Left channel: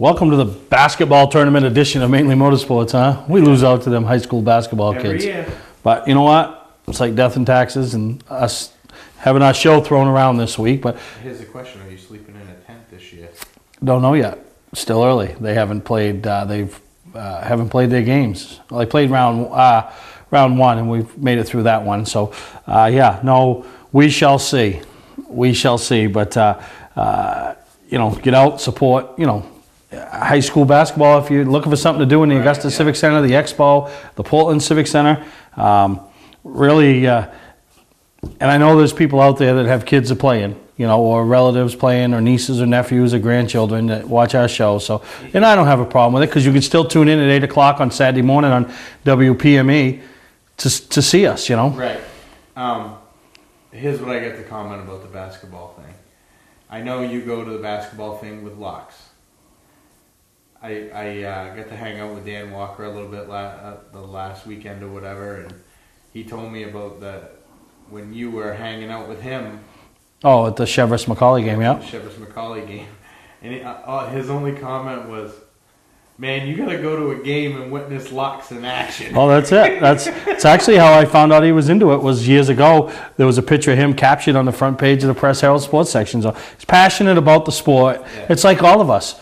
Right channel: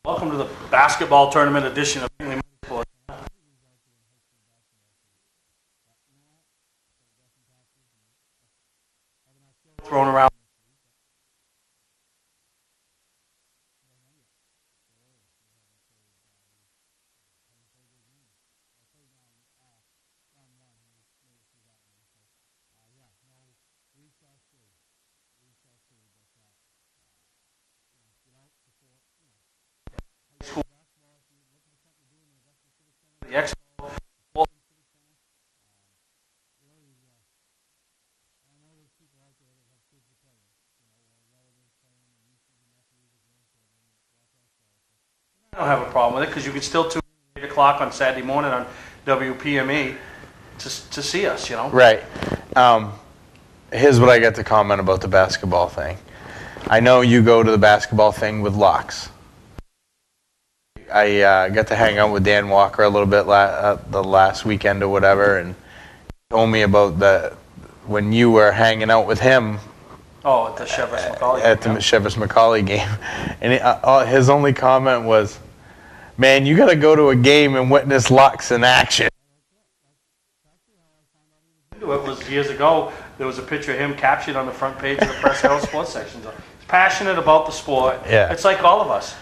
Welcome to the basketball tournament edition of Mainely Motorsports, huh? We lose out to them high school basketball kids. Every year. But you know what? It's like death and taxes and us having our show thrown around this week. But Here's the question: are you sleeping in a tent this year? don't know yet. Still early. They haven't played. Haven't played their games. Well, they played round one, and we've made it through that one. So, yeah, no, we shall see. We shall see. But get out, support. High school basketball. If you're looking for something to do in the Augusta Civic Center, the Expo, the Portland Civic Center, really. And I know there's people out there that have kids that playing, or relatives playing, or nieces or nephews or grandchildren that watch our show. So, and I don't have a problem with it because you can still tune in at 8 o'clock on Saturday morning on WPME to see us. Right. Here's what I got to comment about the basketball thing. I know you go to the basketball thing with locks. I got to hang out with Dan Walker a little bit the last weekend or whatever, and he told me about when you were hanging out with him. Oh, at the Chevrolet McCauley game, At the Chevrolet McCauley game. And his only comment was, man, you got to go to a game and witness locks in action. Oh, that's it. It's actually how I found out he was into it. Was years ago. There was a picture of him captured on the front page of the Press Herald Sports section. So he's passionate about the sport. Yeah. It's like all of us.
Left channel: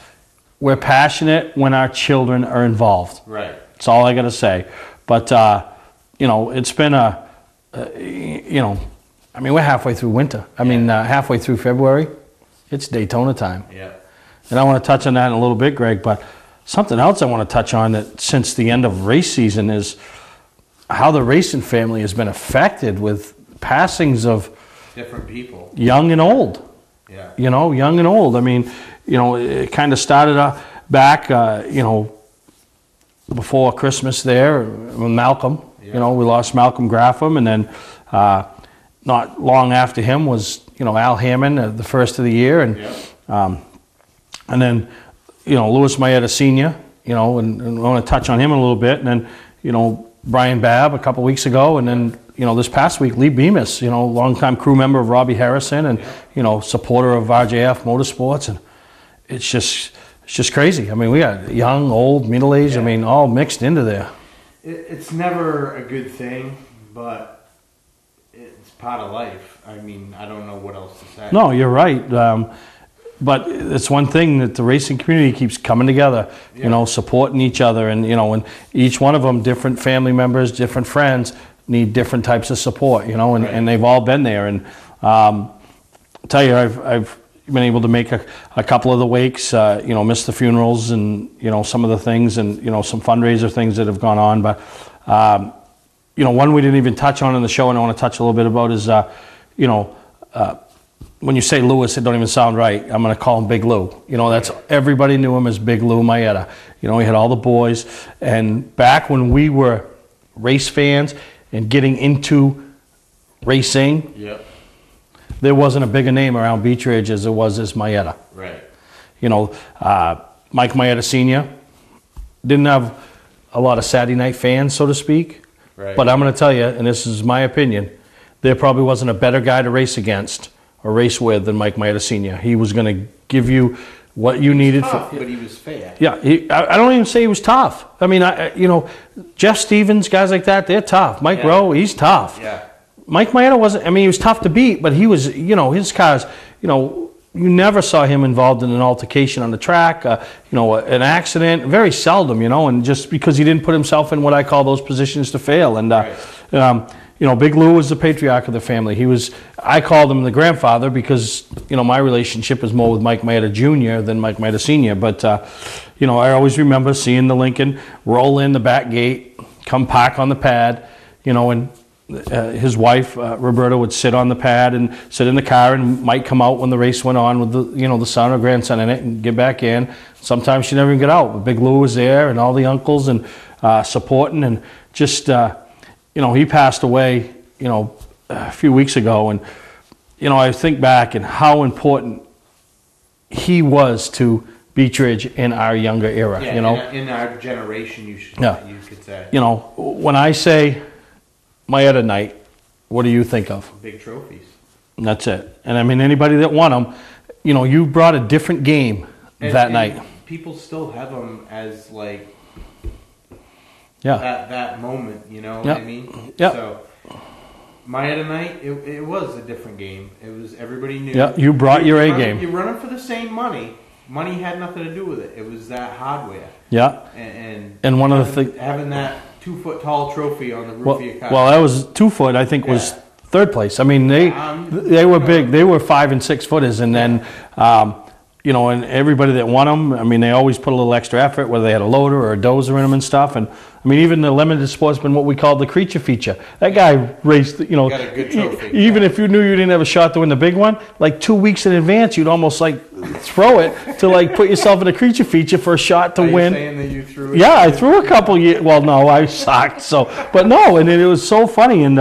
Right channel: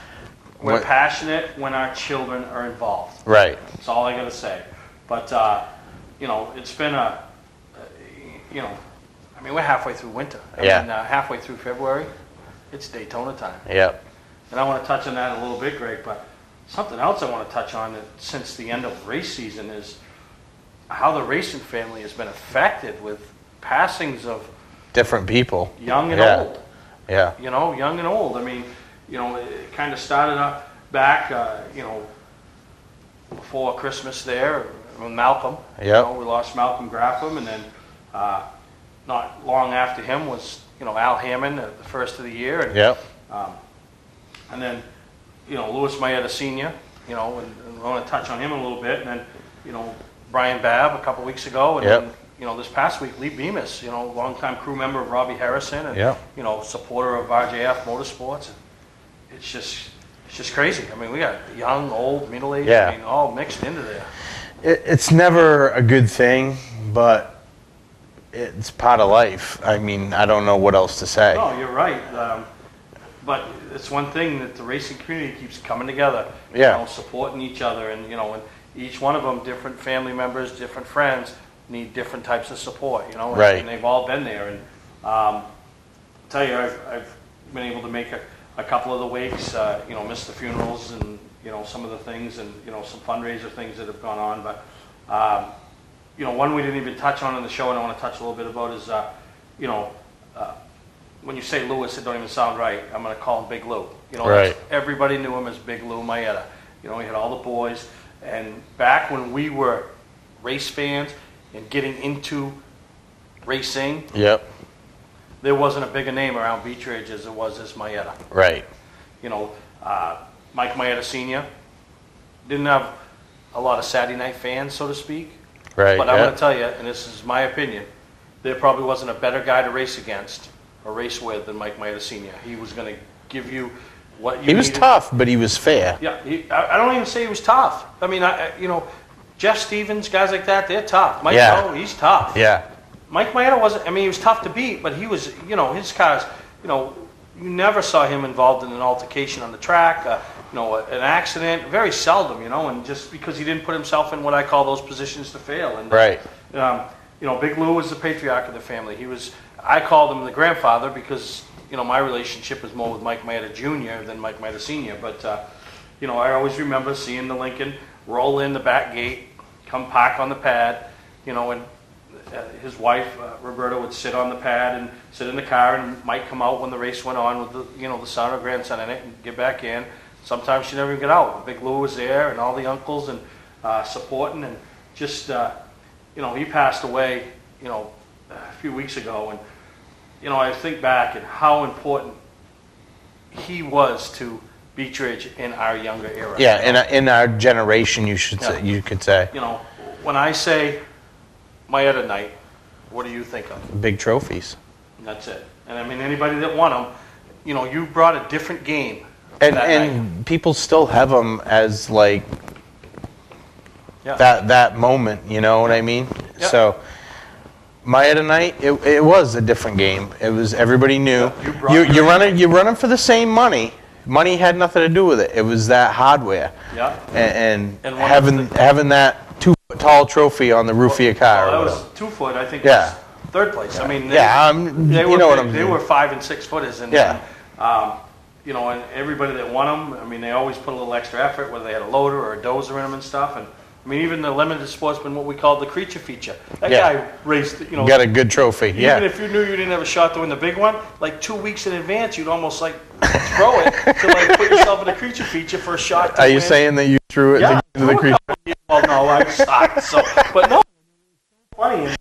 We're passionate when our children are involved. Right. That's all I got to say. But it's been we're halfway through winter. Halfway through February. It's Daytona time. Yep. And I want to touch on that in a little bit, Greg, but something else I want to touch on that since the end of race season is how the racing family has been affected with passings of different people, young and old. Yeah. Young and old. I mean, it kind of started back, before Christmas there with Malcolm. Yep. We lost Malcolm Graffam, and then not long after him was, Al Hammond, the first of the year. And, yep. And then, Louis Maeta Sr., and I want to touch on him a little bit. And then, Brian Babb a couple weeks ago. And then, this past week, Lee Bemis, longtime crew member of Robbie Harrison and, supporter of RJF Motorsports. And it's just crazy. I mean, we got young, old, middle-aged, all mixed into there. It's never a good thing, but it's part of life. I mean, I don't know what else to say. No, you're right. But it's one thing that the racing community keeps coming together, supporting each other. And, and each one of them, different family members, different friends, need different types of support, and they've all been there. And I'll tell you, I've been able to make a couple of the wakes, miss the funerals and, some of the things and, some fundraiser things that have gone on. But, one we didn't even touch on in the show and I want to touch a little bit about is, when you say Lewis, it don't even sound right. I'm going to call him Big Lou. That's everybody knew him as Big Lou Maeta. He had all the boys. And back when we were race fans and getting into racing, there wasn't a bigger name around Beech Ridge as there was as Maeta. Right. Mike Maeta Sr. didn't have a lot of Saturday night fans, so to speak. Right. But I'm going to tell you, and this is my opinion, there probably wasn't a better guy to race against or race with than Mike Maeta Sr. He was going to give you what you needed. He was tough, but he was fair. Yeah, I don't even say he was tough. I mean, Jeff Stevens, guys like that, they're tough. Mike Rowe, he's tough. Yeah. Mike Maeta wasn't, he was tough to beat, but he was, his cars, you never saw him involved in an altercation on the track, an accident, very seldom, and just because he didn't put himself in what I call those positions to fail. And, Big Lou was the patriarch of the family. I called him the grandfather because, my relationship was more with Mike Maeta Jr. than Mike Maeta Sr. But, I always remember seeing the Lincoln roll in the back gate, come park on the pad, and his wife, Roberta, would sit on the pad and sit in the car and might come out when the race went on with the son or grandson in it and get back in. Sometimes she never even got out. But Big Lou was there and all the uncles and supporting and just, he passed away, a few weeks ago. And, I think back and how important he was to Beech Ridge in our younger era. Yeah, in our generation, you could say. When I say Maeta night, what do you think of? Big trophies. And that's it. And I mean, anybody that won them, you brought a different game and, that and night. people still have them as like Yeah. that moment, you know what I mean? Yeah. So my other night, it was a different game. It was everybody knew. Yeah, you brought your A game. You're running for the same money. Money had nothing to do with it. It was that hardware. Yeah. And one having that 2-foot tall trophy on the roof of your car. Well, that was 2 foot. I think was third place. I mean, they were big. They were 5 and 6 footers, and then you know, and everybody that won them, I mean, they always put a little extra effort, whether they had a loader or a dozer in them and stuff. And I mean, even the limited sportsman, what we called the creature feature, that guy raced, you know, got a good trophy. Even if you knew you didn't have a shot to win the big one, like 2 weeks in advance, you'd almost like throw it to like put yourself in a creature feature for a shot to win. Are you saying that you threw it? Yeah, I threw a couple years. Well, no, I sucked. So, but no, and it was so funny, and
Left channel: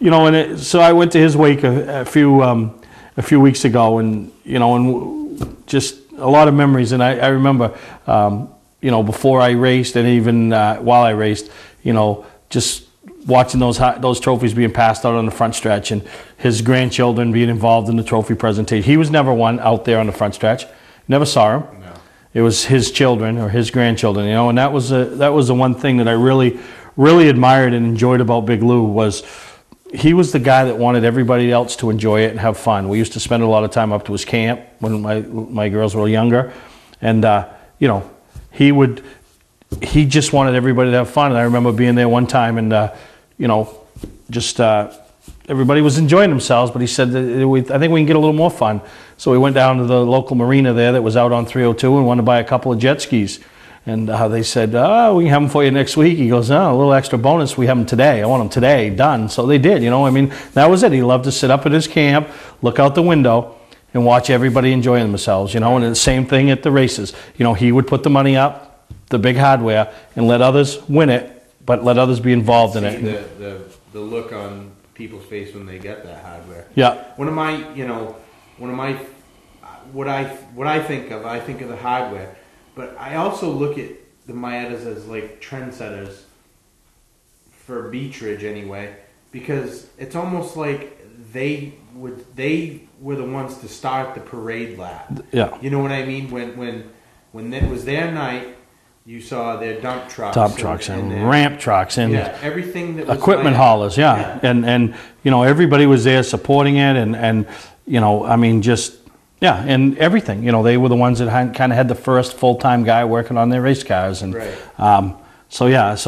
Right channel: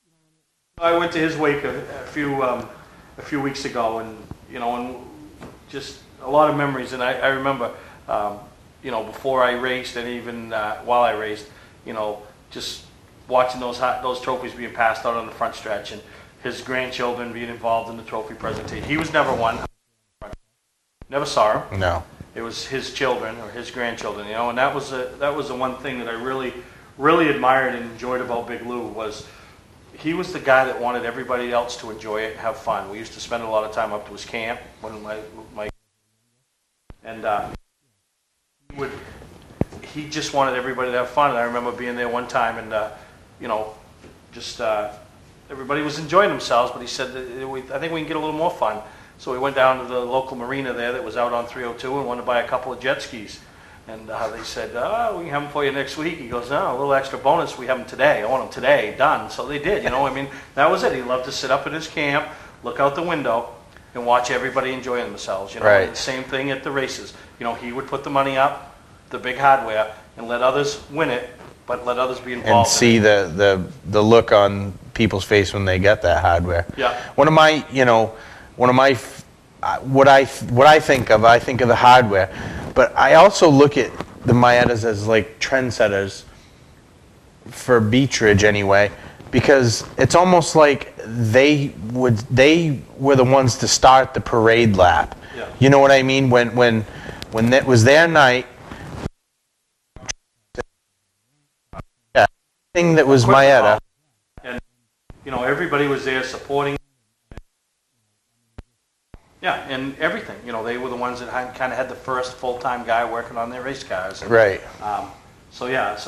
you know, and so I went to his wake a few weeks ago, and you know, and just a lot of memories. And I remember, you know, before I raced, and even while I raced, you know, just watching those trophies being passed out on the front stretch, and his grandchildren being involved in the trophy presentation. He was never one out there on the front stretch. Never saw him. No. It was his children or his grandchildren, you know, and that was the one thing that I really admired and enjoyed about Big Lou was he was the guy that wanted everybody else to enjoy it and have fun. We used to spend a lot of time up to his camp when my girls were younger, and you know, he just wanted everybody to have fun. And I remember being there one time, and you know, just everybody was enjoying themselves, but he said that I think we can get a little more fun. So we went down to the local marina there that was out on 302 and wanted to buy a couple of jet skis. And they said, oh, we can have them for you next week. He goes, no, a little extra bonus. We have them today. I want them today, done. So they did, you know. I mean, that was it. He loved to sit up at his camp, look out the window, and watch everybody enjoying themselves, you know. Right. And the same thing at the races. You know, he would put the money up, the big hardware, and let others win it, but let others be involved in it. And see the look on people's face when they get that hardware. Yeah. What I think of the hardware, but I also look at the Maietas as like trendsetters for Beechridge anyway, because it's almost like they were the ones to start the parade lap. Yeah. You know what I mean? When it was their night, You saw their dump trucks. Dump trucks and ramp trucks and everything that was equipment Maieta. haulers, and you know, everybody was there supporting it, and you know, I mean, just and everything. You know, they were the ones that kind of had the first full-time guy working on their race cars, and right. So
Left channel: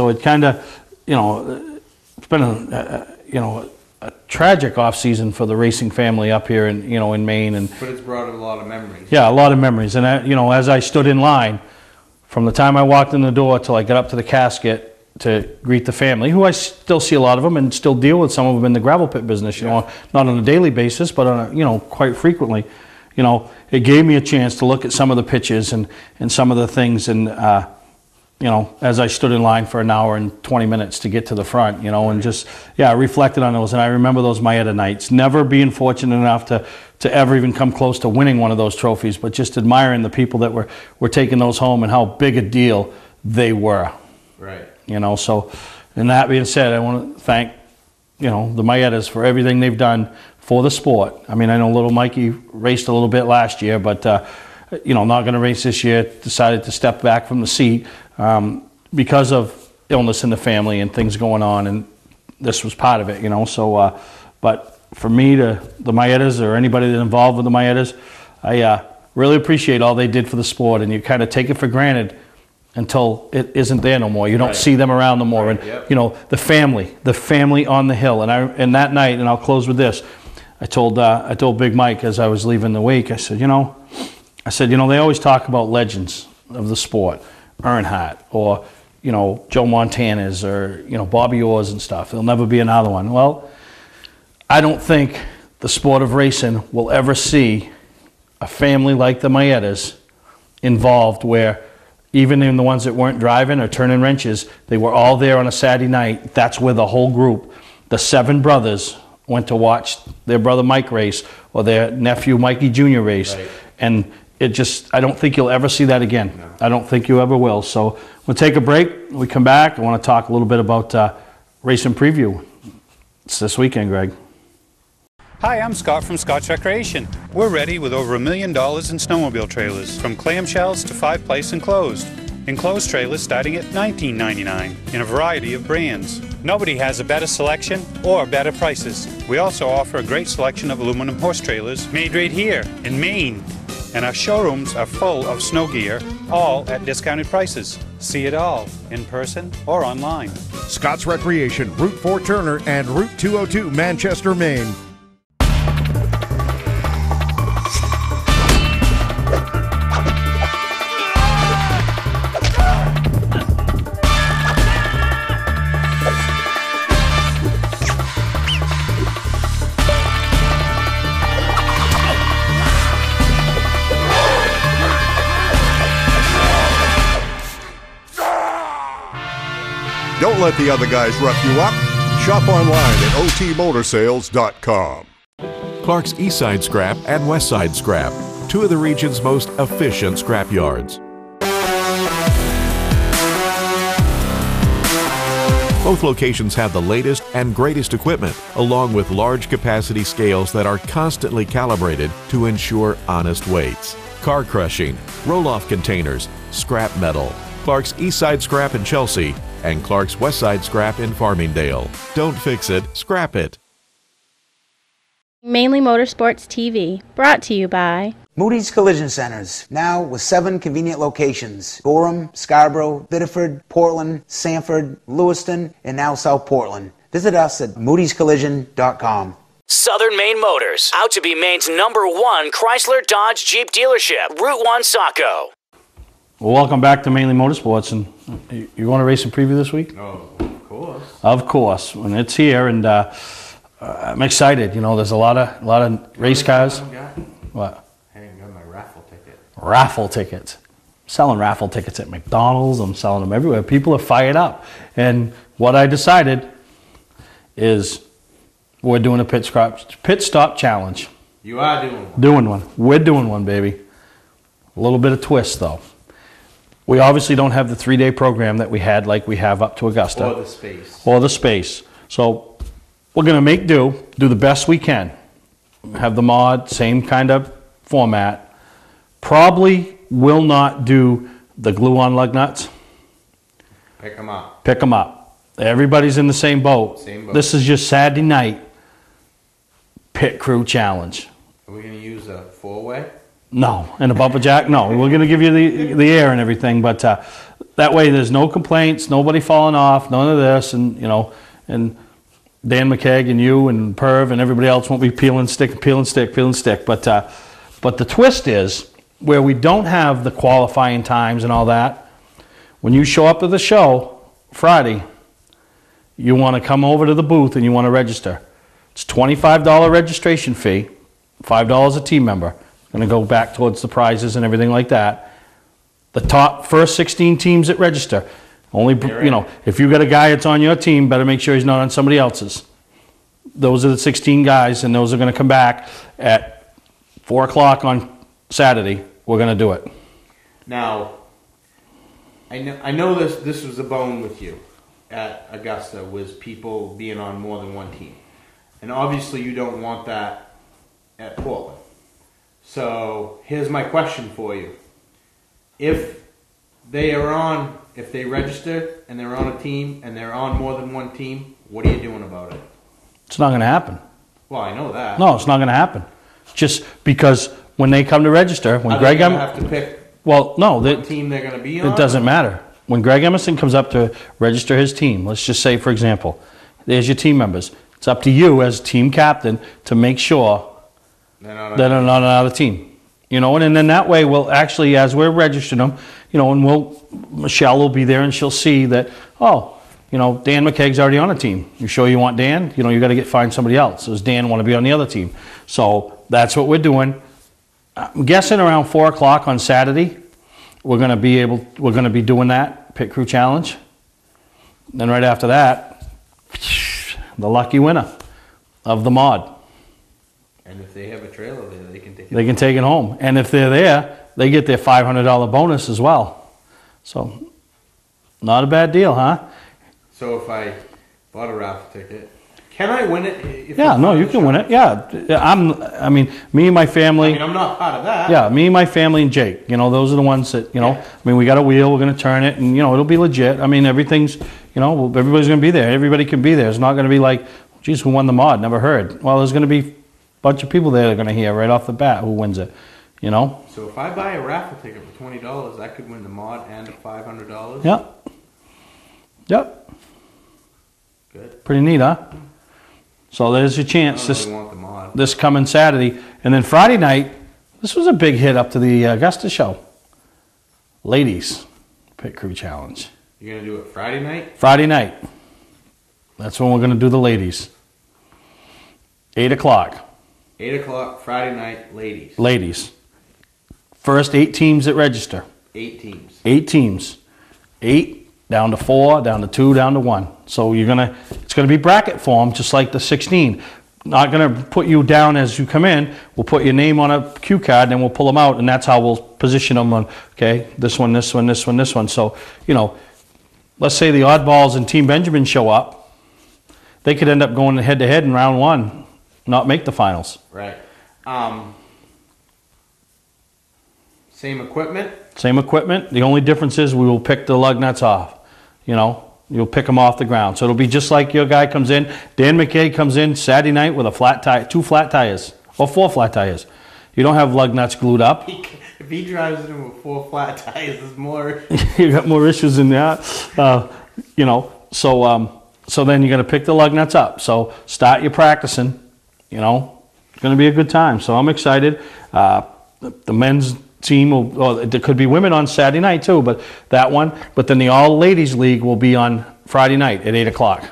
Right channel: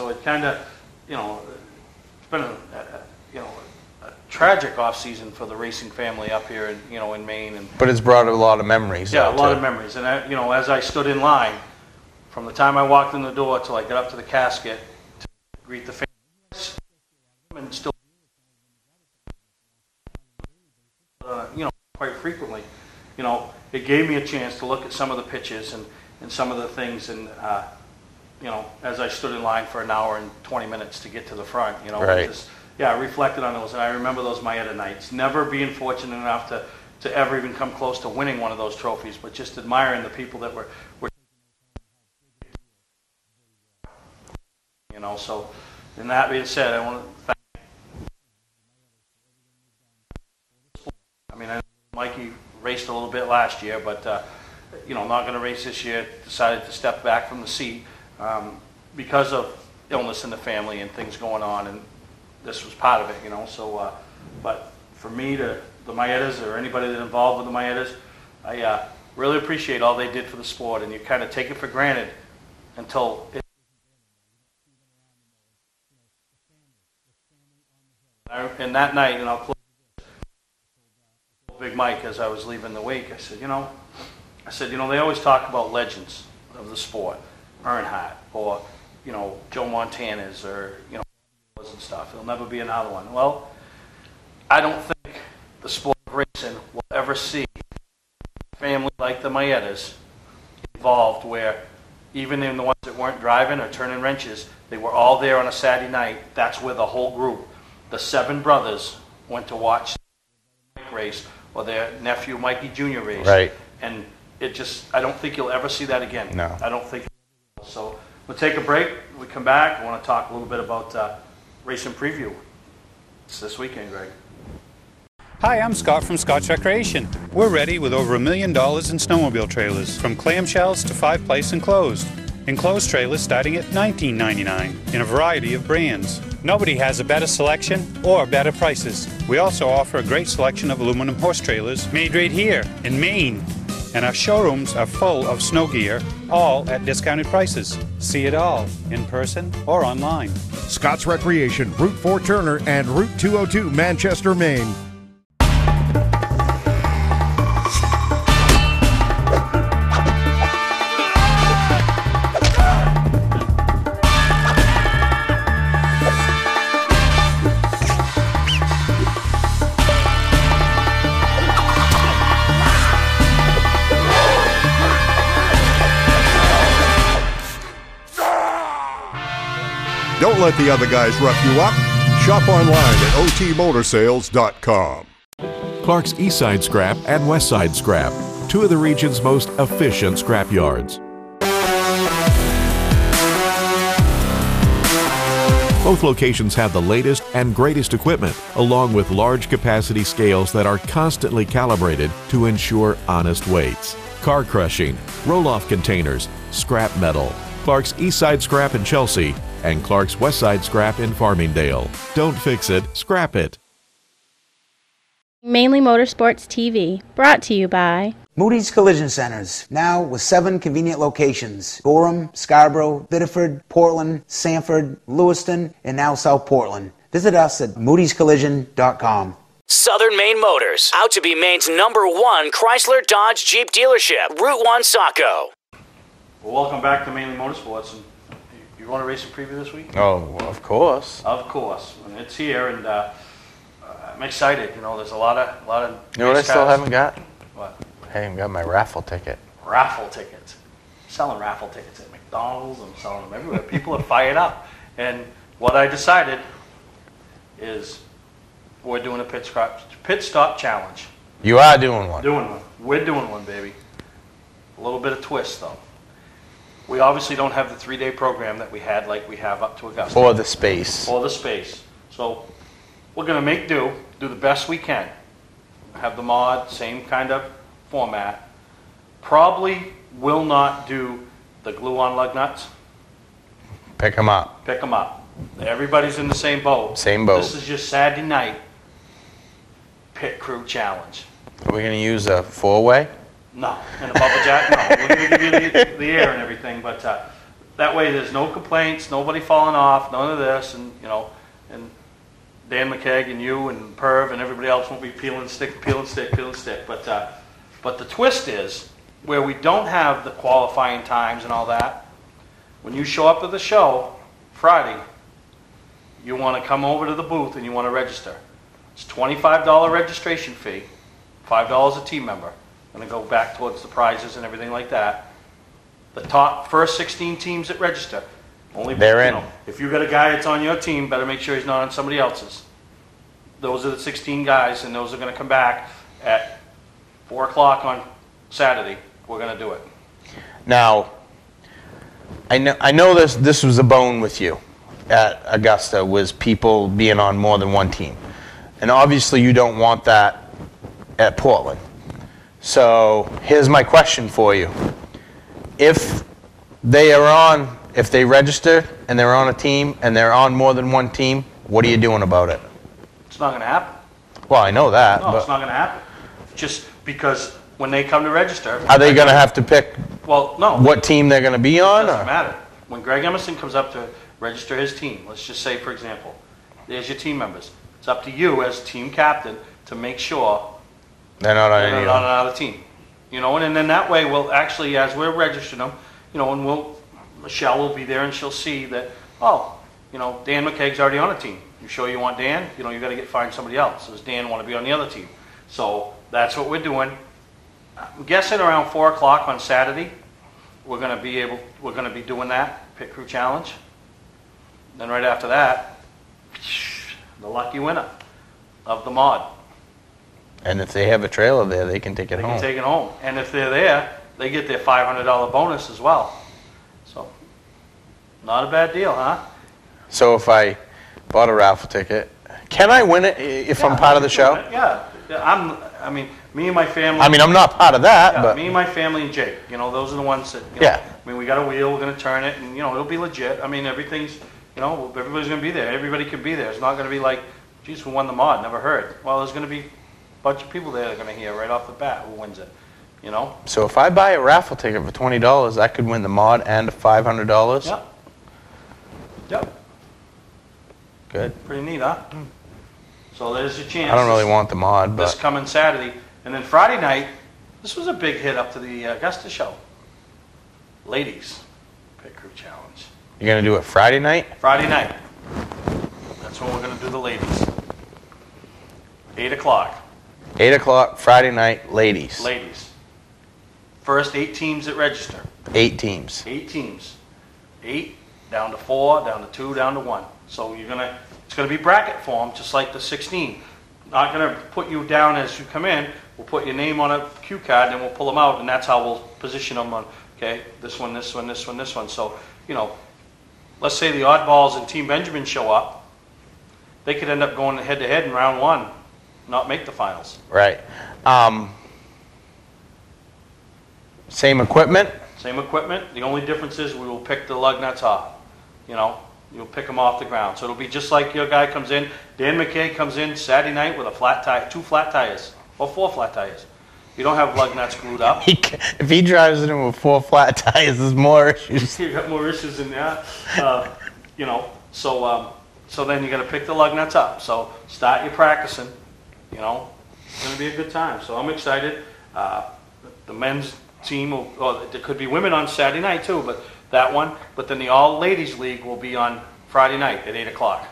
it kind of, you know, it's been a tragic off season for the racing family up here in Maine, but it's brought a lot of memories. Yeah, a lot of memories, and you know, as I stood in line. From the time I walked in the door till I got up to the casket to greet the family, who I still see a lot of them and still deal with some of them in the gravel pit business, you know, not on a daily basis, but on you know, quite frequently. You know, it gave me a chance to look at some of the pictures and some of the things, and you know, as I stood in line for an hour and 20 minutes to get to the front, you know, and just reflected on those. And I remember those Maieta nights, never being fortunate enough to ever even come close to winning one of those trophies, but just admiring the people that were taking those home and how big a deal they were. Right. You know, so, and that being said, I want to thank, you know, the Maietas for everything they've done for the sport. I mean, I know little Mikey raced a little bit last year, but, you know, not going to race this year, decided to step back from the seat because of illness in the family and things going on, and this was part of it, you know, so, but for me, the Maietas or anybody that's involved with the Maietas, I really appreciate all they did for the sport, and you kind of take it for granted until it isn't there no more. You don't see them around no more, and you know, the family on the hill. And that night, and I'll close with this, I told Big Mike as I was leaving the wake, I said, you know, they always talk about legends of the sport, Earnhardt or you know, Joe Montana's or you know, Bobby Orr's and stuff. There'll never be another one. Well, I don't think the sport of racing will ever see a family like the Maietas involved, where even in the ones that weren't driving or turning wrenches, they were all there on a Saturday night. That's where the whole group, the 7 brothers, went to watch their brother Mike race or their nephew Mikey Jr. race. Right. And it just, I don't think you'll ever see that again. No. I don't think you ever will. So we'll take a break. When we come back, I want to talk a little bit about racing preview. It's this weekend, Greg. Hi, I'm Scott from Scott's Recreation. We're ready with over $1 million in snowmobile trailers, from clamshells to 5-place enclosed. Enclosed trailers starting at $19.99 in a variety of brands. Nobody has a better selection or better prices. We also offer a great selection of aluminum horse trailers made right here in Maine. And our showrooms are full of snow gear, all at discounted prices. See it all in person or online. Scott's Recreation, Route 4 Turner and Route 202 Manchester, Maine. Don't let the other guys rough you up. Shop online at otmotorsales.com. Clark's Eastside Scrap and Westside Scrap, two of the region's most efficient scrap yards. Both locations have the latest and greatest equipment, along with large capacity scales that are constantly calibrated to ensure honest weights. Car crushing, roll-off containers, scrap metal. Clark's Eastside Scrap in Chelsea and Clark's Westside Scrap in Farmingdale. Don't fix it, scrap it. Mainly Motorsports TV, brought to you by Moody's Collision Centers, now with 7 convenient locations: Gorham, Scarborough, Biddeford, Portland, Sanford, Lewiston, and now South Portland. Visit us at moodyscollision.com. Southern Maine Motors, out to be Maine's #1 Chrysler Dodge Jeep dealership, Route 1 Saco. Well, welcome back to Mainly Motorsports, and you want to race and preview this week? Oh, well, of course. Of course, and it's here, and I'm excited. You know, there's a lot of You know what race I still cars. haven't got? What? I haven't got my raffle ticket. Raffle tickets. I'm selling raffle tickets at McDonald's. I'm selling them everywhere. People are fired up, and what I decided is we're doing a pit stop challenge. You are doing one. Doing one. We're doing one, baby. A little bit of twist, though. We obviously don't have the 3-day program that we had like we have up to Augusta. For the space. For the space. So we're going to make do the best we can. Have the mod, same kind of format. Probably will not do the glue-on lug nuts. Pick them up. Pick them up. Everybody's in the same boat. Same boat. This is your Saturday night pit crew challenge. Are we going to use a 4-way? No, and a bubble jack. No, we're going to give you the air and everything, but that way there's no complaints, nobody falling off, none of this, and and Dan McKegg and you and Perv and everybody else won't be peeling stick. But the twist is where we don't have the qualifying times and all that. When you show up to the show Friday, you want to come over to the booth and you want to register. It's $25 registration fee, $5 a team member. Going to go back towards the prizes and everything like that. The top first 16 teams that register. Only, if you got a guy that's on your team, better make sure he's not on somebody else's. Those are the 16 guys, and those are going to come back at 4 o'clock on Saturday. We're going to do it. Now, I know this was a bone with you at Augusta, was people being on more than one team. And obviously you don't want that at Portland. So here's my question for you. If they register and they're on a team and they're on more than one team, what are you doing about it? It's not going to happen. Well, I know that. No, it's not going to happen. Just because when they come to register... Are they going to have to pick what team they're going to be on? It doesn't matter. When Greg Emerson comes up to register his team, let's just say, for example, there's your team members. It's up to you as team captain to make sure they're not on another team. And then that way we'll actually, as we're registering them, and Michelle will be there and she'll see that, Dan McKegg's already on a team. You sure you want Dan? You got to find somebody else. Does Dan want to be on the other team? So that's what we're doing. I'm guessing around 4 o'clock on Saturday, we're going to be doing that pit crew challenge. Then right after that, the lucky winner of the mod. And if they have a trailer there, they can take it home. They can take it home. And if they're there, they get their $500 bonus as well. So, not a bad deal, huh? So if I bought a raffle ticket, Can I win it if Yeah, I'm no, part of you the can show? win it. Yeah, I mean, me and my family. I mean, I'm not part of that. Yeah, but me, my family, and Jake. You know, those are the ones that, you know, Yeah. I mean, we got a wheel, we're going to turn it, and, you know, it'll be legit. I mean, everything's, you know, everybody's going to be there. Everybody can be there. It's not going to be like, geez, who won the mod? Never heard. Well, there's going to be a bunch of people there that are going to hear right off the bat who wins it, you know? So if I buy a raffle ticket for $20, I could win the mod and $500? Yep. Yep. Good. Pretty neat, huh? So there's your chance. I don't really want the mod. This coming Saturday. And then Friday night, this was a big hit up to the Augusta show. Ladies Pit Crew Challenge. You're going to do it Friday night? Friday night. That's when we're going to do the ladies. 8 o'clock. 8 o'clock, Friday night, ladies. Ladies. First 8 teams that register. 8 teams. 8 teams. 8 down to 4, down to 2, down to 1. So it's gonna be bracket form, just like the 16. Not gonna put you down as you come in. We'll put your name on a cue card, and we'll pull them out, and that's how we'll position them on. Okay, this one, this one, this one, this one. So, you know, let's say the oddballs and Team Benjamin show up, they could end up going head to head in round 1, not make the finals. Right. Same equipment? Same equipment. The only difference is we will pick the lug nuts off. You know, you'll pick them off the ground. So it'll be just like your guy comes in. Dan McKay comes in Saturday night with a flat tire, 2 flat tires, or 4 flat tires. You don't have lug nuts glued up. If he drives it in with 4 flat tires, there's more issues. You got more issues than that. You know, so then you got to pick the lug nuts up. So start your practicing. You know, it's going to be a good time. So I'm excited. The men's team there could be women on Saturday night too, but that one. But then the all ladies league will be on Friday night at 8 o'clock.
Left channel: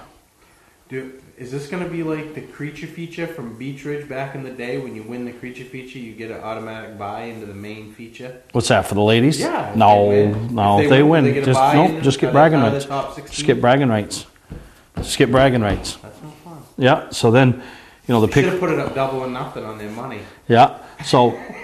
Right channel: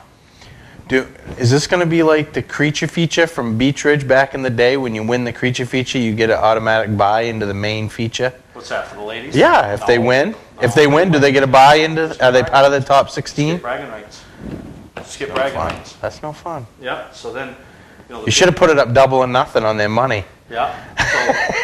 Is this going to be like the creature feature from Beach Ridge back in the day? When you win the creature feature, you get an automatic buy into the main feature? What's that, for the ladies? Yeah, if they win. No, if they win, do they get a buy into? Are they part of the top 16? Skip bragging rights. Skip bragging rights. That's no fun. Yeah. So then, you know, you should have put it up double or nothing on their money. Yeah. So,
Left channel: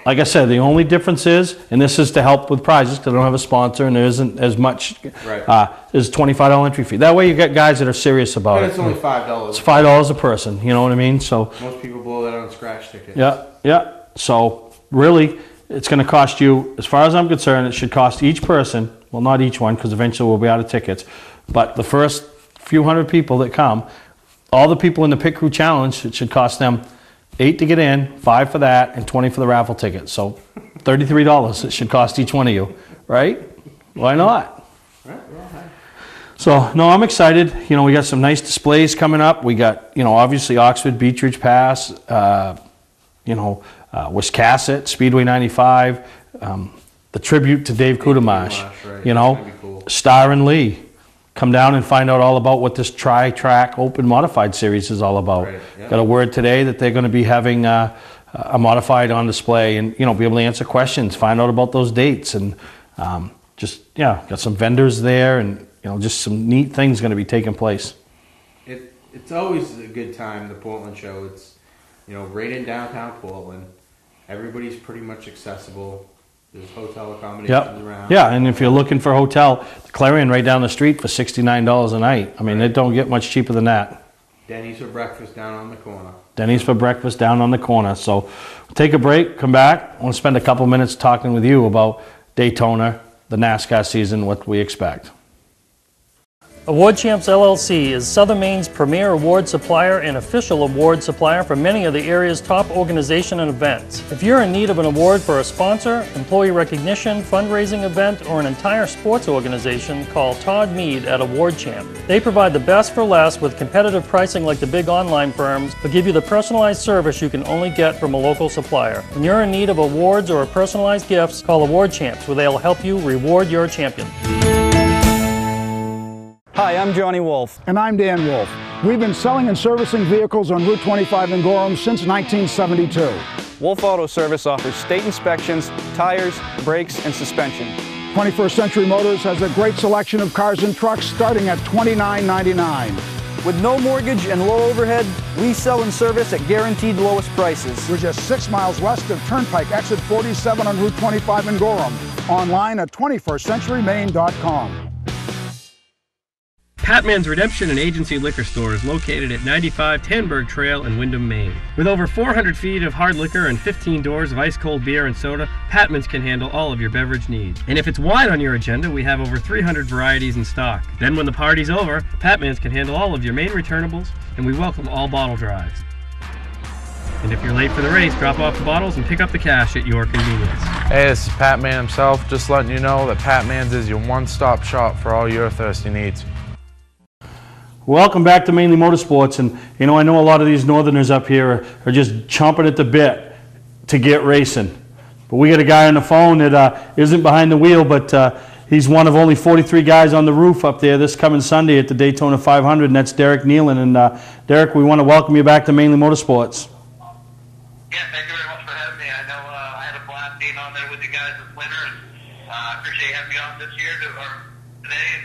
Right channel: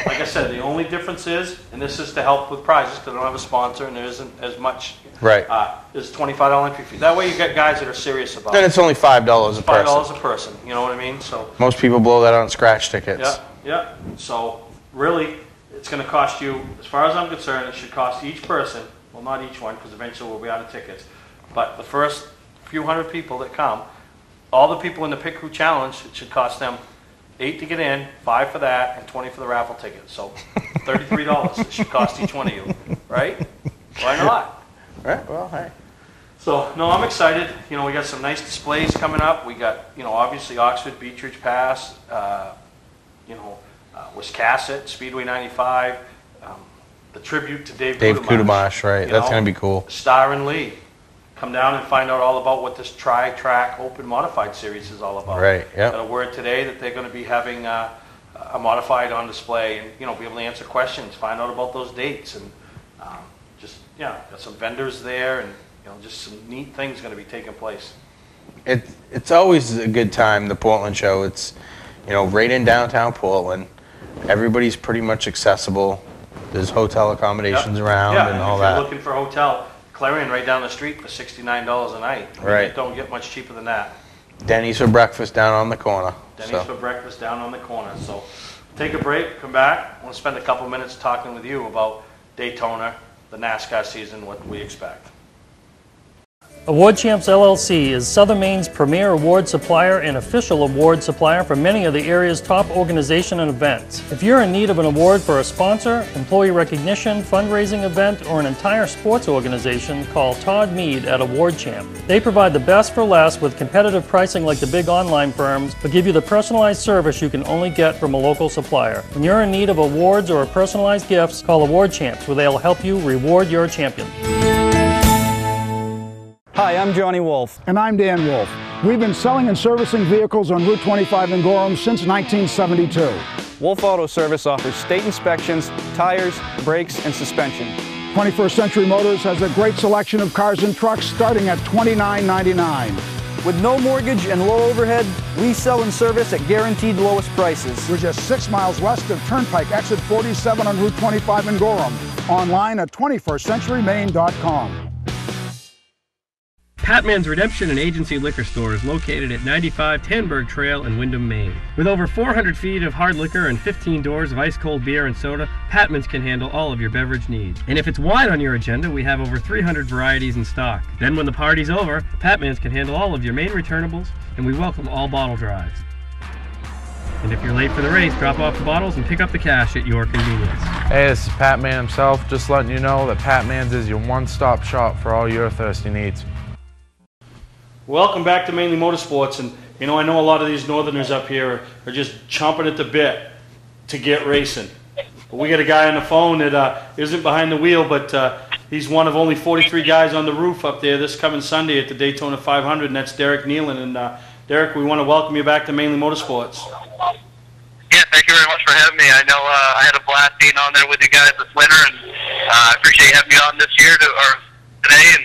like I said, the only difference is, and this is to help with prizes because I don't have a sponsor and there isn't as much. Right. Is $25 entry fee. That way you get guys that are serious about it. And it's only $5. It's $5 a person. You know what I mean? So most people blow that on scratch tickets. Yeah. Yeah. So really, it's going to cost you, as far as I'm concerned, it should cost each person. Well, not each one, because eventually we'll be out of tickets. But the first few hundred people that come, all the people in the Pit Crew Challenge, it should cost them $8 to get in, $5 for that, and $20 for the raffle ticket. So $33 it should cost each one of you, right? Why not? Right. Well, hey. So no, I'm excited. You know, we got some nice displays coming up. We got, you know, obviously Oxford Beach Ridge Pass. You know, Wiscasset Speedway 95. The tribute to Dave Kudamash. Right? You That's know, going to be cool. Star and Lee. Come down and find out all about what this Tri-Track Open Modified Series is all about. Right, yep. Got a word today that they're going to be having a modified on display and, you know, be able to answer questions, find out about those dates, and got some vendors there, and, you know, just some neat things going to be taking place. It's always a good time, the Portland show. It's, you know, right in downtown Portland. Everybody's pretty much accessible. There's hotel accommodations around. Yeah, and if you're looking for a hotel, Clarion right down the street for $69 a night. I mean, it don't get much cheaper than that. Denny's for breakfast down on the corner. Denny's for breakfast down on the corner. So take a break, come back. I want to spend a couple minutes talking with you about Daytona, the NASCAR season, what we expect. Award Champs LLC is Southern Maine's premier award supplier and official award supplier for many of the area's top organizations and events. If you're in need of an award for a sponsor, employee recognition, fundraising event, or an entire sports organization, call Todd Mead at Award Champ. They provide the best for less with competitive pricing like the big online firms, but give you the personalized service you can only get from a local supplier. When you're in need of awards or personalized gifts, call Award Champs, where they'll help you reward your champion. Hi, I'm Johnny Wolf. And I'm Dan Wolf. We've been selling and servicing vehicles on Route 25 in Gorham since 1972. Wolf Auto Service offers state inspections, tires, brakes, and suspension. 21st Century Motors has a great selection of cars and trucks starting at $29.99. With no mortgage and low overhead, we sell and service at guaranteed lowest prices. We're just 6 miles west of Turnpike, exit 47 on Route 25 in Gorham. Online at 21stcenturymaine.com. Patman's Redemption and Agency Liquor Store is located at 95 Tanberg Trail in Windham, Maine. With over 400 feet of hard liquor and 15 doors of ice-cold beer and soda, Patman's can handle all of your beverage needs. And if it's wine on your agenda, we have over 300 varieties in stock. Then when the party's over, Patman's can handle all of your Maine returnables, and we welcome all bottle drives. And if you're late for the race, drop off the bottles and pick up the cash at your convenience. Hey, this is Pat Man himself, just letting you know that Pat Man's is your one-stop shop for all your thirsty needs. Welcome back to Mainly Motorsports, and I know a lot of these northerners up here are just chomping at the bit to get racing. But we got a guy on the phone that isn't behind the wheel, but he's one of only 43 guys on the roof up there this coming Sunday at the Daytona 500, and that's Derek Nealon. And Derek, we want to welcome you back to Mainly Motorsports. Yeah, thank you very much for having me. I know I had a blast being on there with you guys this winter, and I appreciate you having me on this year today and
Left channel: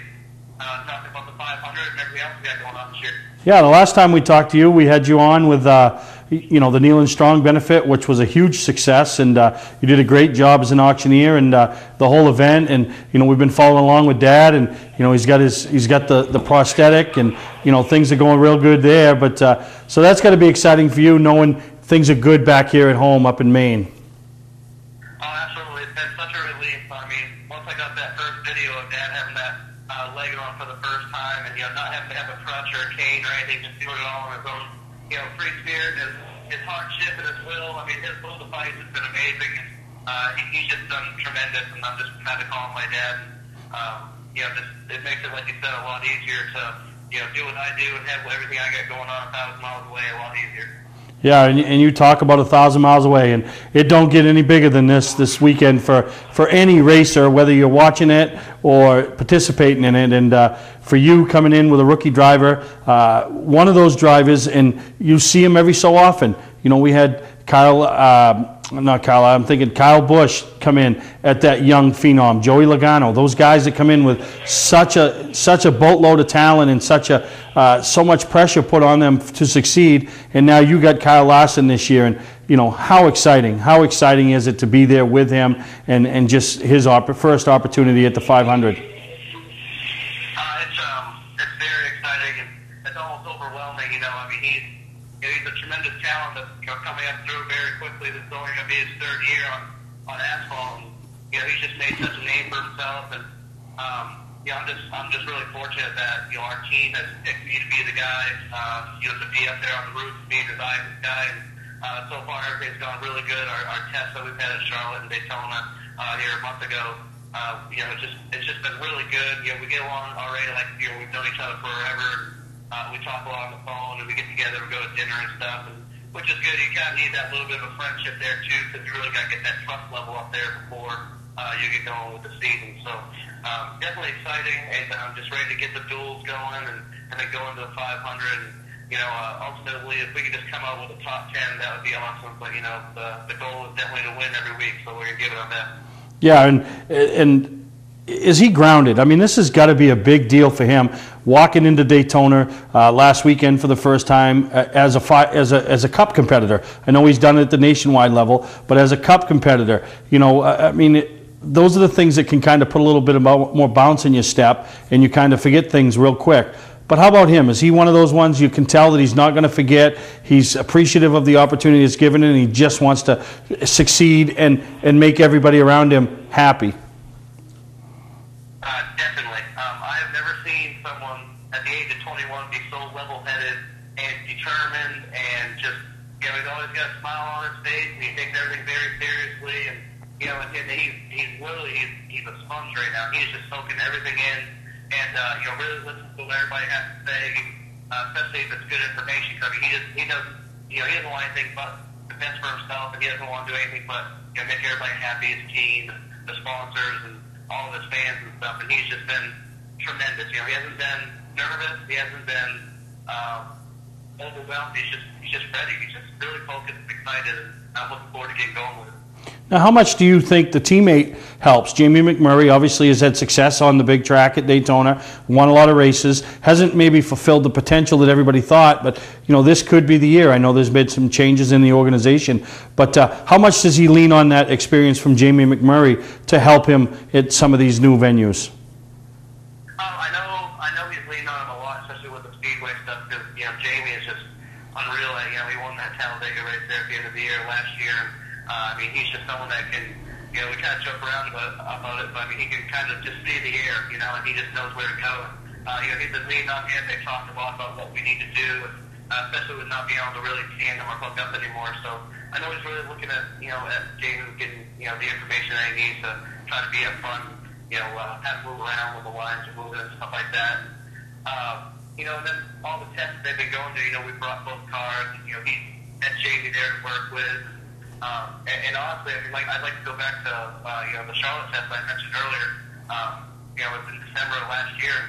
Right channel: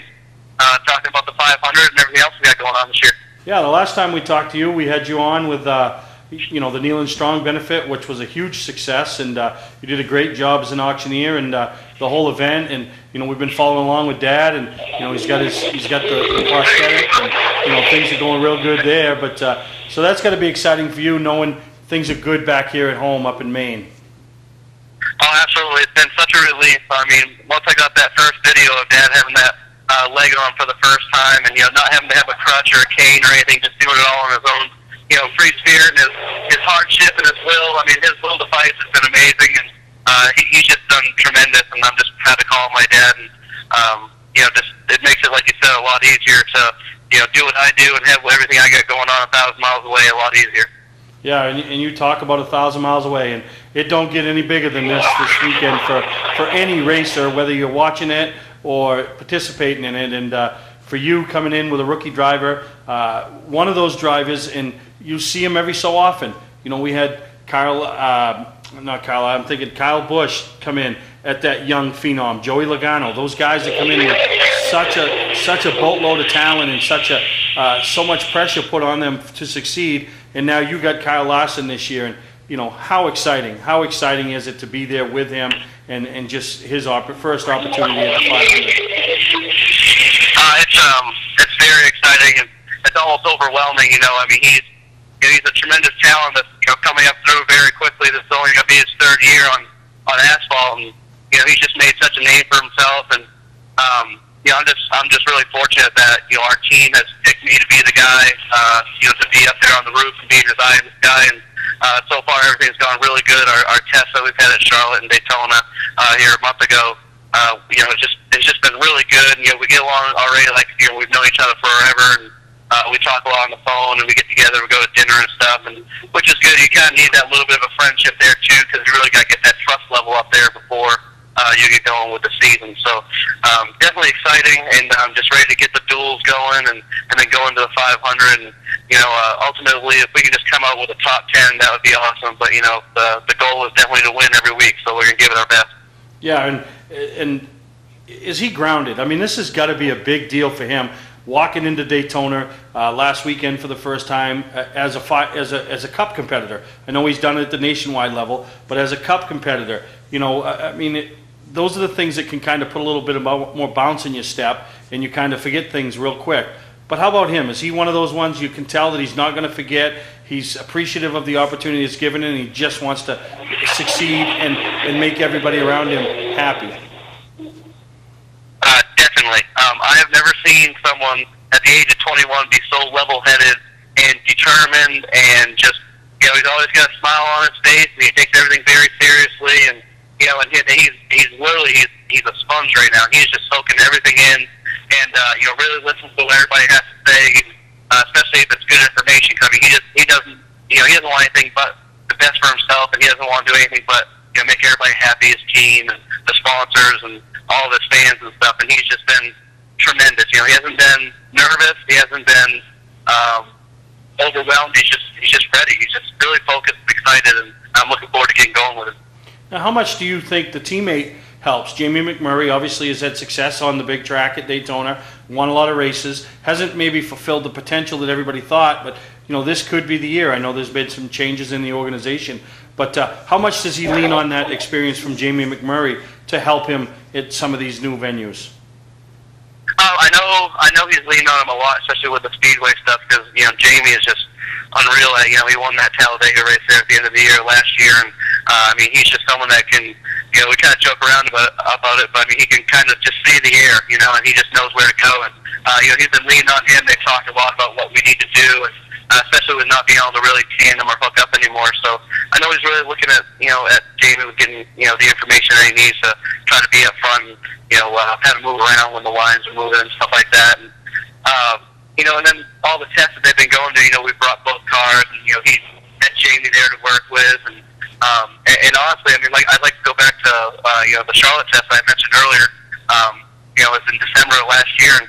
talking about the 500 and everything else we got going on this year. Yeah, the last time we talked to you, we had you on with the Nealon Strong benefit, which was a huge success, and you did a great job as an auctioneer and the whole event. And we've been following along with Dad, and he's got the prosthetic, and things are going real good there. But so that's got to be exciting for you, knowing things are good back here at home up in Maine. Oh, absolutely. It's been such a relief. I mean, once I got that first video of Dad having that leg on for the first time, and not having to have a crutch or a cane or anything, just doing it all on his own, free spirit and his hardship and his will. I mean, his will to fight has been amazing, and he's just done tremendous. And I'm just had to call my dad, and just it makes it, like you said, a lot easier to do what I do and have everything I got going on 1,000 miles away a lot easier. Yeah, and you talk about 1,000 miles away, and it don't get any bigger than this weekend for any racer, whether you're watching it or participating in it. And for you coming in with a rookie driver, one of those drivers, and you see him every so often. We had Kyle Busch come in at that young phenom, Joey Logano. Those guys that come in with such a boatload of talent and so much pressure put on them to succeed. And now you got Kyle Larson this year, and how exciting is it to be there with him and just his first opportunity at the 500? It's very exciting, and it's almost overwhelming. I mean, he's a tremendous talent that's coming up through very quickly. This is only going to be his third year on asphalt, and he's just made such a name for himself. And I'm just really fortunate that our team has picked me to be the guy, to be up there on the roof and being his guy. And so far everything's gone really good. Our tests that we've had at Charlotte and Daytona here a month ago, it's just been really good. We get along already like we've known each other forever, and we talk a lot on the phone, and we get together, we go to dinner and stuff, and which is good. You kind of need that little bit of a friendship there too, because you really got to get that trust level up there before you get going with the season. So definitely exciting, and I'm just ready to get the duels going, and then go into the 500. And ultimately, if we can just come out with a top 10, that would be awesome. But the goal is definitely to win every week, so we're gonna give it our best. Yeah, and is he grounded? I mean, this has got to be a big deal for him, walking into Daytona last weekend for the first time as a Cup competitor. I know he's done it at the nationwide level, but as a Cup competitor, I mean, those are the things that can kind of put a little bit more bounce in your step, and you kind of forget things real quick. But how about him? Is he one of those ones you can tell that he's not going to forget? He's appreciative of the opportunity it's given, and he just wants to succeed and make everybody around him happy. Definitely. I have never seen someone at the age of 21 be so level-headed and determined, and just, he's always got a smile on his face, and he takes everything very seriously, and, he's literally, he's a sponge right now. He's just soaking everything in, and, really listens to what everybody has to say, especially if it's good information coming. He doesn't want anything but the best for himself, and he doesn't want to do anything but, make everybody happy, his team, and the sponsors, and all of his fans and stuff, and he's just been tremendous. He hasn't been nervous. He hasn't been overwhelmed. He's just ready. He's just really focused and excited, and I'm looking forward to getting going with him. Now, how much do you think the teammate helps? Jamie McMurray obviously has had success on the big track at Daytona, won a lot of races, hasn't maybe fulfilled the potential that everybody thought, but this could be the year. I know there's been some changes in the organization, but how much does he lean on that experience from Jamie McMurray to help him at some of these new venues? I know know he's leaning on him a lot, especially with the Speedway stuff, because, Jamie is just unreal. He won that Talladega race there at the end of the year last year, and he's just someone that can, we kind of joke around about it, but he can kind of just see the air, and he just knows where to go. And he's been leaning on him. They talked a lot about what we need to do, and especially with not being able to really tandem or hook up anymore. So I know he's really looking at at Jamie with getting the information that he needs to try to be up front, and, kind of move around when the lines are moving and stuff like that. And and then all the tests that they've been going to, we brought both cars, and he had Jamie there to work with, and honestly, I'd like to go back to the Charlotte test I mentioned earlier. It was in December of last year, and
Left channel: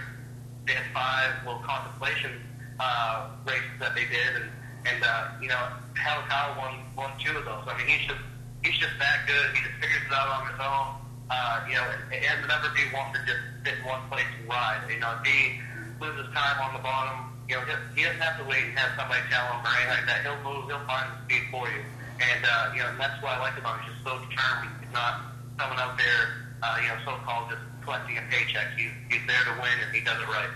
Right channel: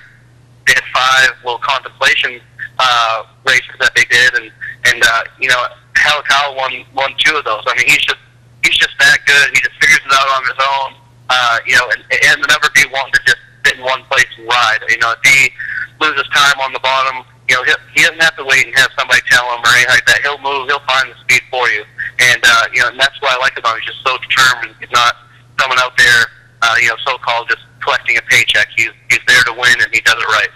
they had 5 little contemplation races that they did, and Kyle won 2 of those. He's just that good. He just figures it out on his own. And the never be one to just sit in one place and ride. If he loses time on the bottom, he doesn't have to wait and have somebody tell him or anything like that. He'll move. He'll find the speed for you. And and that's what I like about him. He's just so determined. He's not someone out there, so-called just collecting a paycheck. He's there to win, and he does it right.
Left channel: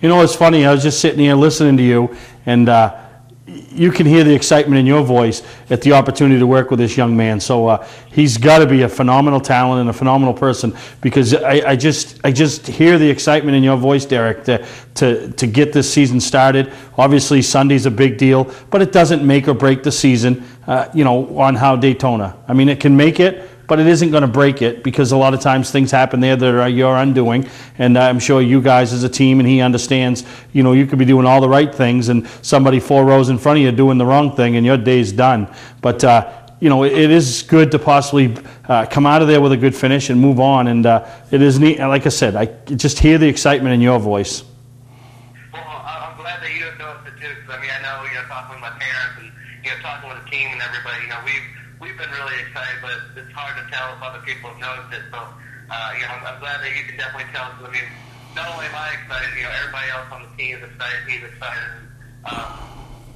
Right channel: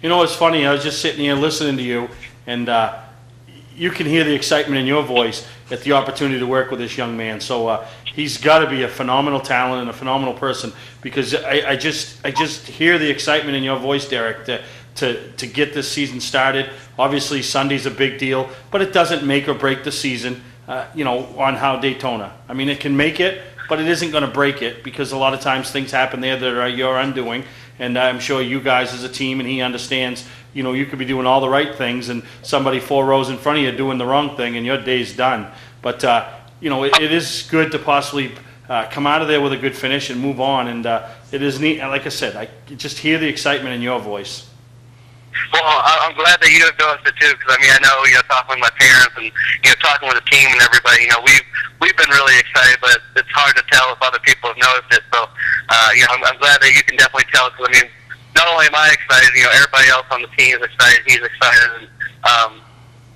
It's funny. I was just sitting here listening to you, and you can hear the excitement in your voice at the opportunity to work with this young man. So he's got to be a phenomenal talent and a phenomenal person, because I just hear the excitement in your voice, Derek, to get this season started. Obviously, Sunday's a big deal, but it doesn't make or break the season. On how Daytona. It can make it, but it isn't going to break it, because a lot of times things happen there that are your undoing. And I'm sure you guys as a team, and he understands, you could be doing all the right things and somebody 4 rows in front of you doing the wrong thing, and your day's done. But, it is good to possibly come out of there with a good finish and move on. And it is neat. Like I said, I just hear the excitement in your voice. Well, I'm glad that you have noticed it too, because I know, talking with my parents and talking with the team and everybody, we've been really excited, but it's hard to tell if other people have noticed it. So, I'm glad that you can definitely tell. Because not only am I excited, everybody else on the team is excited. He's excited, and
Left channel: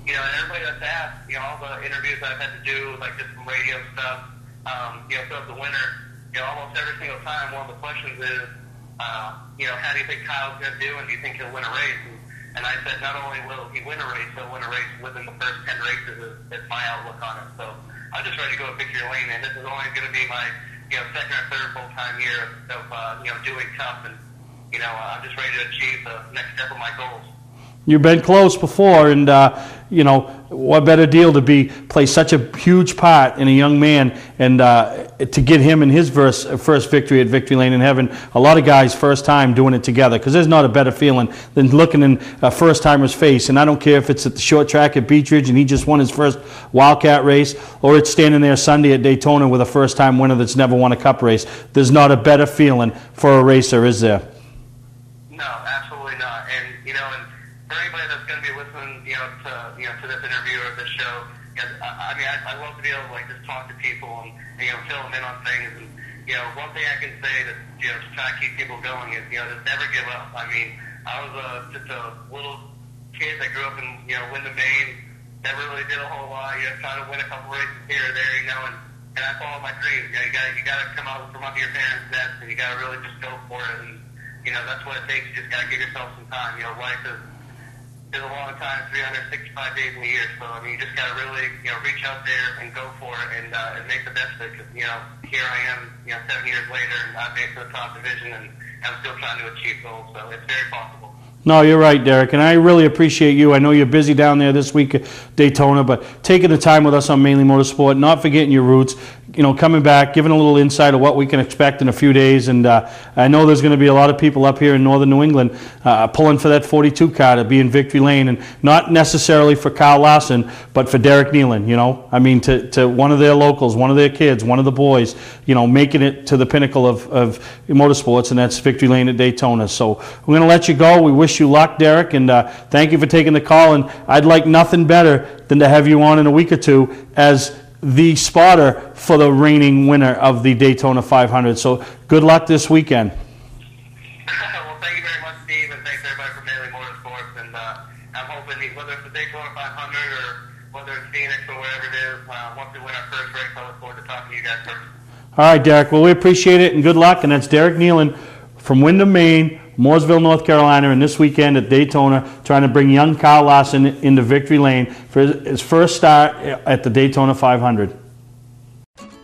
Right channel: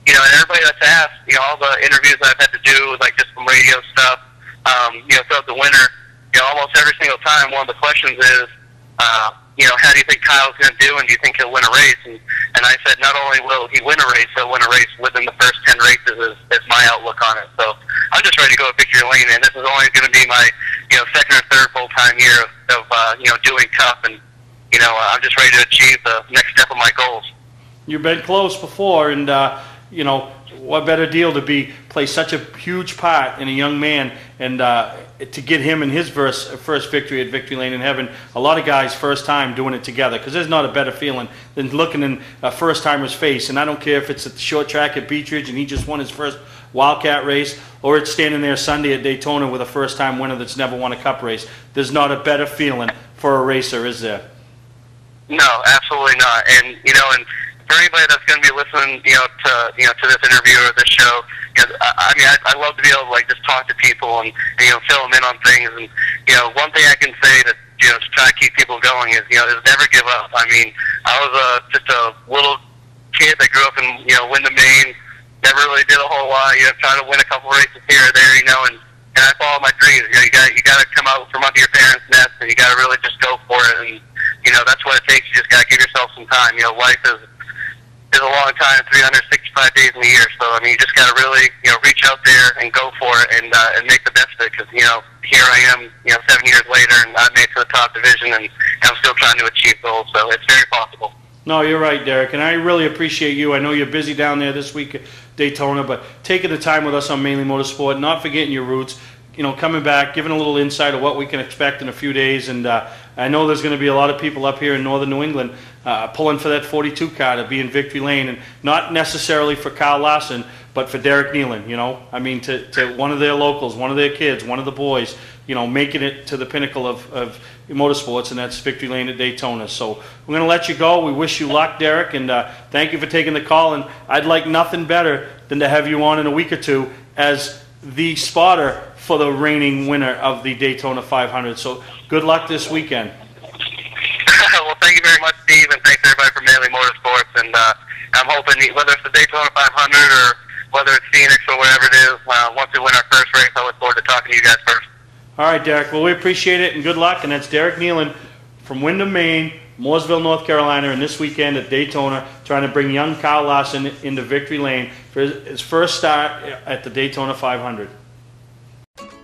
and everybody that's asked, all the interviews I've had to do, like just some radio stuff, throughout the winter, almost every single time, one of the questions is, how do you think Kyle's going to do, and do you think he'll win a race? And I said, not only will he win a race, he'll win a race within the first 10 races is my outlook on it. So I'm just ready to go to victory lane, and this is only going to be my, second or third full-time year of doing Cup, and, I'm just ready to achieve the next step of my goals. You've been close before, and, what better deal to play such a huge part in a young man, and to get him in his first victory at Victory Lane in Heaven. A lot of guys first time doing it together, because there's not a better feeling than looking in a first timer's face. And I don't care if it's at the short track at Beechridge and he just won his first Wildcat race, or it's standing there Sunday at Daytona with a first time winner that's never won a Cup race. There's not a better feeling for a racer, is there? No, absolutely not. And and for anybody that's going to be listening, to this interview or this show, I love to be able to just talk to people and fill them in on things. And one thing I can say to try to keep people going is never give up. I was just a little kid that grew up in Windham, Maine. Never really did a whole lot. Trying to win a couple races here or there, and I followed my dreams. You got to come out from under your parents' nest, and you got to really just go for it. And that's what it takes. You just got to give yourself some time. Life is a long time, 365 days in a year. So you just got to really reach out there and go for it, and make the best of it. Because here I am 7 years later, and I made it to the top division, and I'm still trying to achieve goals. So it's very possible. No, you're right, Derek, and I really appreciate you. I know you're busy down there this week at Daytona, but taking the time with us on Mainly Motorsport, not forgetting your roots, coming back, giving a little insight of what we can expect in a few days. And I know there's going to be a lot of people up here in northern New England pulling for that 42 car to be in Victory Lane, and not necessarily for Kyle Larson, but for Derek Nealon, to one of their locals, one of their kids, one of the boys, making it to the pinnacle of motorsports, and that's Victory Lane at Daytona. So we're going to let you go. We wish you luck, Derek, and thank you for taking the call. And I'd like nothing better than to have you on in a week or two as the spotter for the reigning winner of the Daytona 500. So good luck this weekend. Well, thank you very much, Steve, and thanks everybody for Mainly Motorsports. And I'm hoping, whether it's the Daytona 500 or whether it's Phoenix or whatever it is, once we win our first race, I look forward to talking to you guys first. All right, Derek. Well, we appreciate it, and good luck. And that's Derek Nealon from Windham, Maine, Mooresville, North Carolina, and this weekend at Daytona, trying to bring young Kyle Larson into victory lane for his first start at the Daytona 500.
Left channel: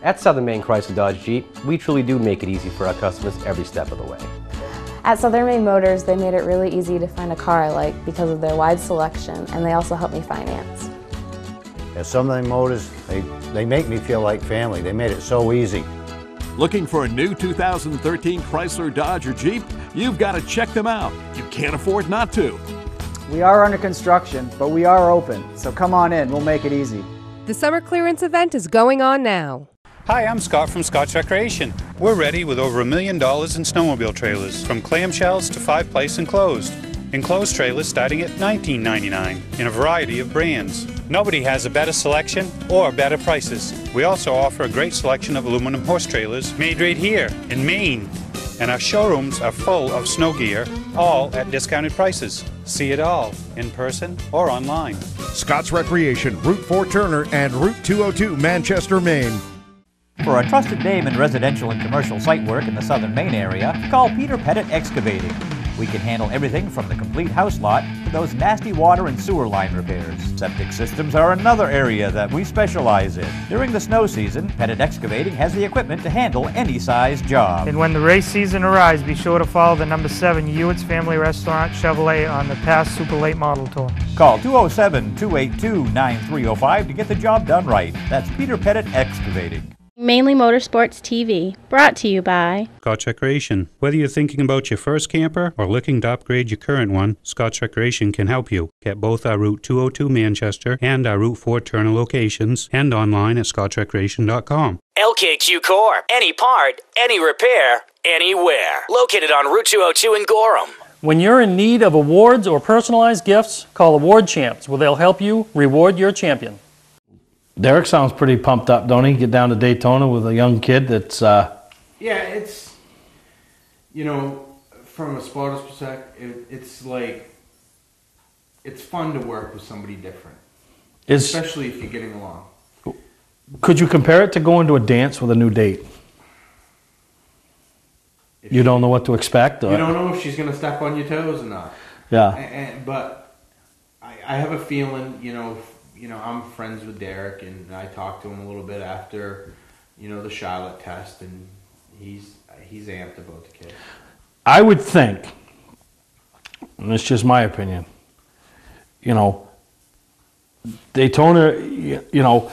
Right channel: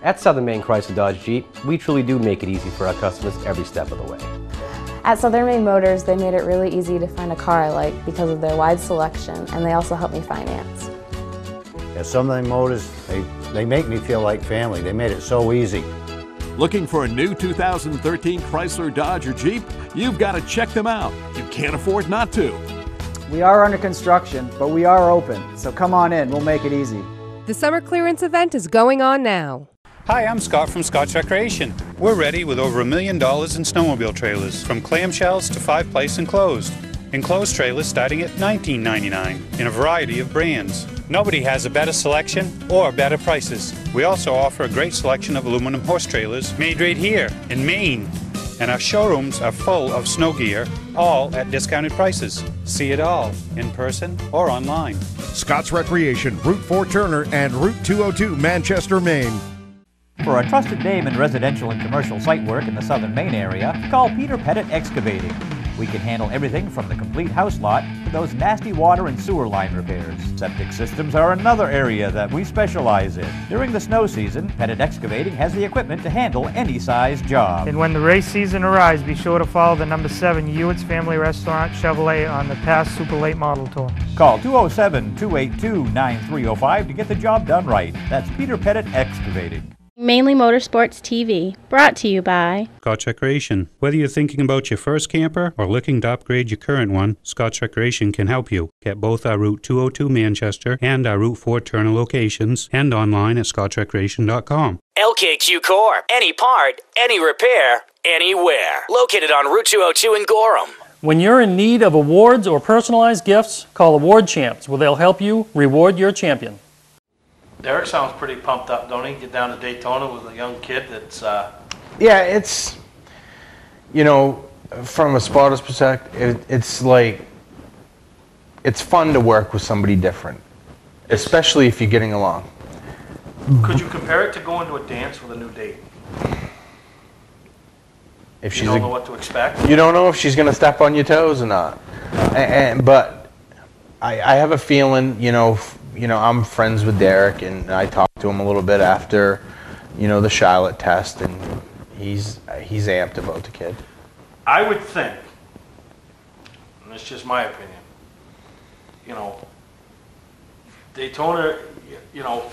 At Southern Maine Chrysler Dodge Jeep, we truly do make it easy for our customers every step of the way. At Southern Maine Motors, they made it really easy to find a car I like because of their wide selection, and they also help me finance. At Southern Maine Motors, they make me feel like family. They made it so easy. Looking for a new 2013 Chrysler, Dodge, or Jeep? You've got to check them out. You can't afford not to. We are under construction, but we are open, so come on in. We'll make it easy. The summer clearance event is going on now. Hi, I'm Scott from Scott's Recreation. We're ready with over $1 million in snowmobile trailers, from clamshells to 5-place enclosed. Enclosed trailers starting at $19.99 in a variety of brands. Nobody has a better selection or better prices. We also offer a great selection of aluminum horse trailers made right here in Maine. And our showrooms are full of snow gear, all at discounted prices. See it all in person or online. Scott's Recreation, Route 4 Turner and Route 202 Manchester, Maine. For a trusted name in residential and commercial site work in the Southern Maine area, call Peter Pettit Excavating. We can handle everything from the complete house lot to those nasty water and sewer line repairs. Septic systems are another area that we specialize in. During the snow season, Pettit Excavating has the equipment to handle any size job. And when the race season arrives, be sure to follow the number 7 Hewitt's Family Restaurant Chevrolet on the past Super Late Model Tour. Call 207-282-9305 to get the job done right. That's Peter Pettit Excavating. Mainly Motorsports TV, brought to you by Scott's Recreation. Whether you're thinking about your first camper or looking to upgrade your current one, Scott's Recreation can help you. Get both our Route 202 Manchester and our Route 4 Turner locations and online at scottsrecreation.com. LKQ Core. Any part, any repair, anywhere. Located on Route 202 in Gorham. When you're in need of awards or personalized gifts, call Award Champs, where they'll help you reward your champion. Derek sounds pretty pumped up, don't he? Get down to Daytona with a young kid that's... Yeah, it's, you know, from a spotter's perspective, it's like, it's fun to work with somebody different, especially if you're getting along. Could you compare it to going to a dance with a new date? If you don't know what to expect? You don't know if she's going to step on your toes or not. Yeah. But I have a feeling, you know, I'm friends with Derek, and I talked to him a little bit after, you know, the Charlotte test, and he's amped about the kid. I would think, and it's just my opinion, you know, Daytona, you know,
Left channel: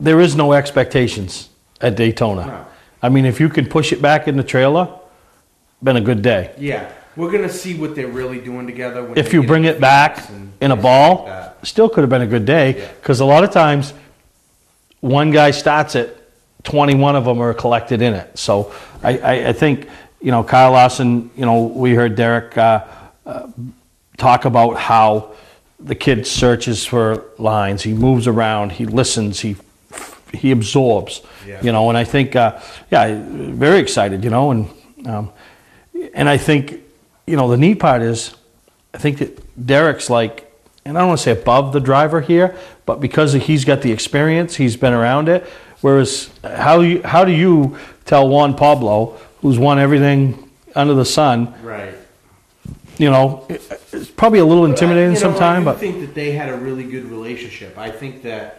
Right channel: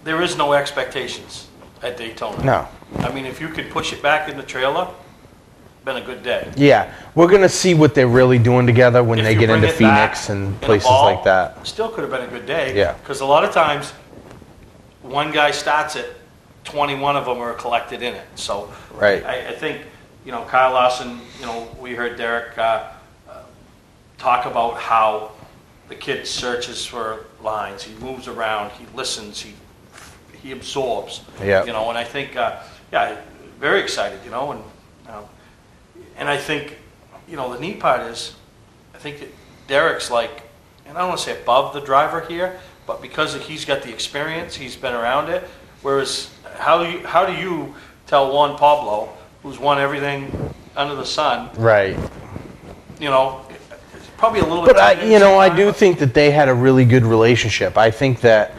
there is no expectations at Daytona. No. I mean, if you could push it back in the trailer, been a good day. Yeah. We're going to see what they're really doing together when if they you get bring into it back Phoenix and in a places ball, like that. Still could have been a good day. Yeah. Because a lot of times, one guy starts it, 21 of them are collected in it. So right. I think, you know, Kyle Larson, you know, we heard Derek talk about how the kid searches for lines. He moves around. He listens. He absorbs. Yeah. You know, and I think, yeah, very excited, you know, and I think, you know, the neat part is, I think that Derek's like, and I don't want to say above the driver here, but because he's got the experience, he's been around it. Whereas, how do you tell Juan Pablo, who's won everything under the sun, right? You know, it's probably a little intimidating. You know, sometime, I do think that they had a really good relationship. I think that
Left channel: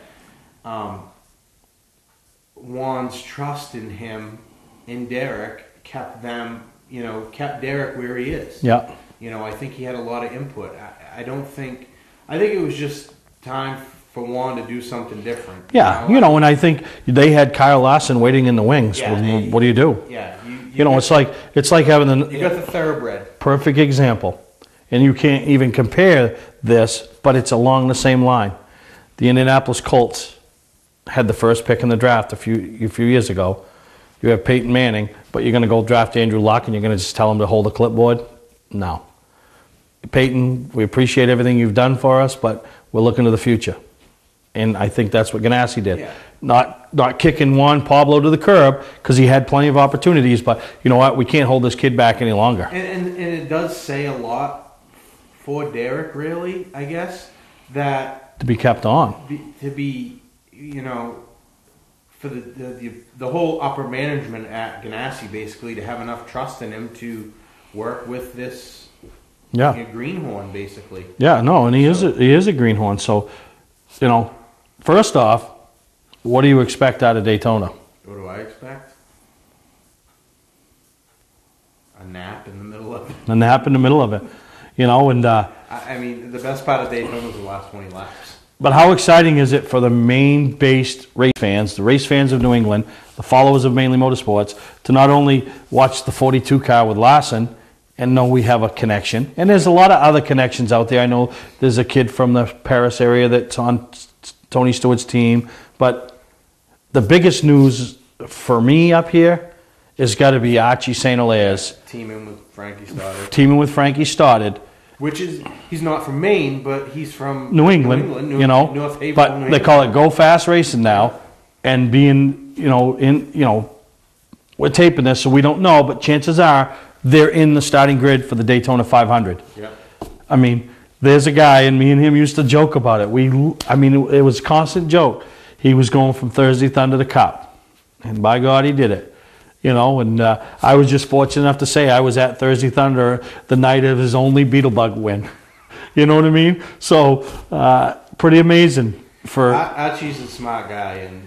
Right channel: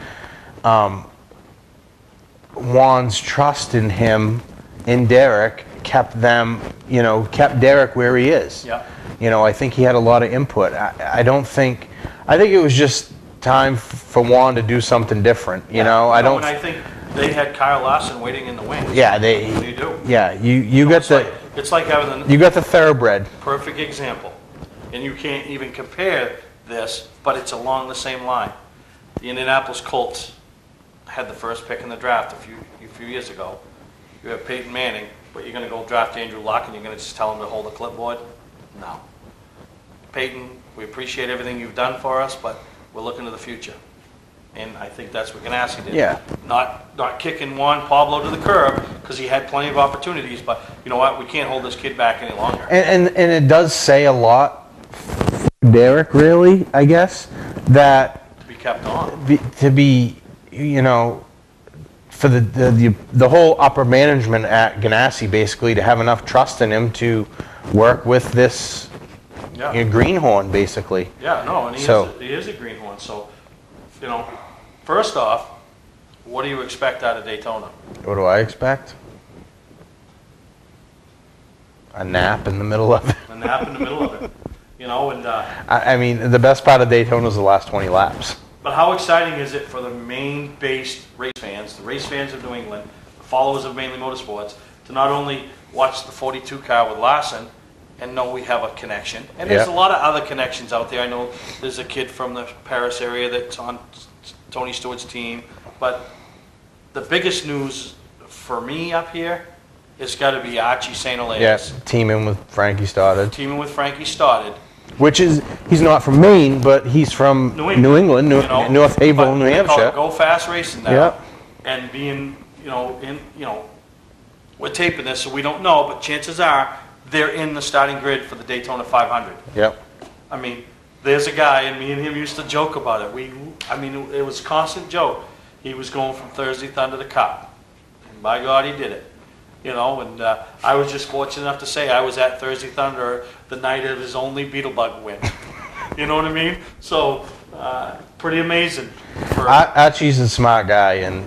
Juan's trust in him, in Derek, kept them, you know, kept Derek where he is. Yeah. You know, I think he had a lot of input. I think it was just time for Juan to do something different. You know, and I think they had Kyle Larson waiting in the wings. Yeah, what do you do? Yeah, you know, it's like having you got the thoroughbred. Perfect example, and you can't even compare this, but it's along the same line. The Indianapolis Colts had the first pick in the draft a few years ago. You have Peyton Manning, but you're going to go draft Andrew Luck and you're going to just tell him to hold a clipboard? No. Peyton, we appreciate everything you've done for us, but we're looking to the future. And I think that's what Ganassi did. Yeah. Not kicking Juan Pablo to the curb because he had plenty of opportunities, but you know what? We can't hold this kid back any longer. And it does say a lot for Derek, really, I guess, that to be kept on. To be, you know, for the whole upper management at Ganassi, basically, to have enough trust in him to work with this greenhorn, basically. Yeah, no, and he is a greenhorn. So, you know, first off, what do you expect out of Daytona? What do I expect? A nap in the middle of it. A nap in the middle of it. You know, and I mean, the best part of Daytona is the last 20 laps. But how exciting is it for the Maine-based race fans, the race fans of New England, the followers of Mainely Motorsports, to not only watch the 42 car with Larson and know we have a connection. And there's a lot of other connections out there. I know there's a kid from the Paris area that's on Tony Stewart's team. But the biggest news for me up here has got to be Archie St. Hilaire's. Teaming with Frankie Stoddard. Teaming with Frankie Stoddard. Which is, he's not from Maine, but he's from New England, you know, North Havel, New Hampshire. They call it Go Fast Racing now. And being, we're taping this, so we don't know, but chances are they're in the starting grid for the Daytona 500. Yep. I mean, there's a guy, and me and him used to joke about it. It was a constant joke. He was going from Thursday Thunder to Cup, and by God, he did it. You know, and I was just fortunate enough to say I was at Thursday Thunder the night of his only Beetlebug win. You know what I mean? So, pretty amazing. Archie's a smart guy, and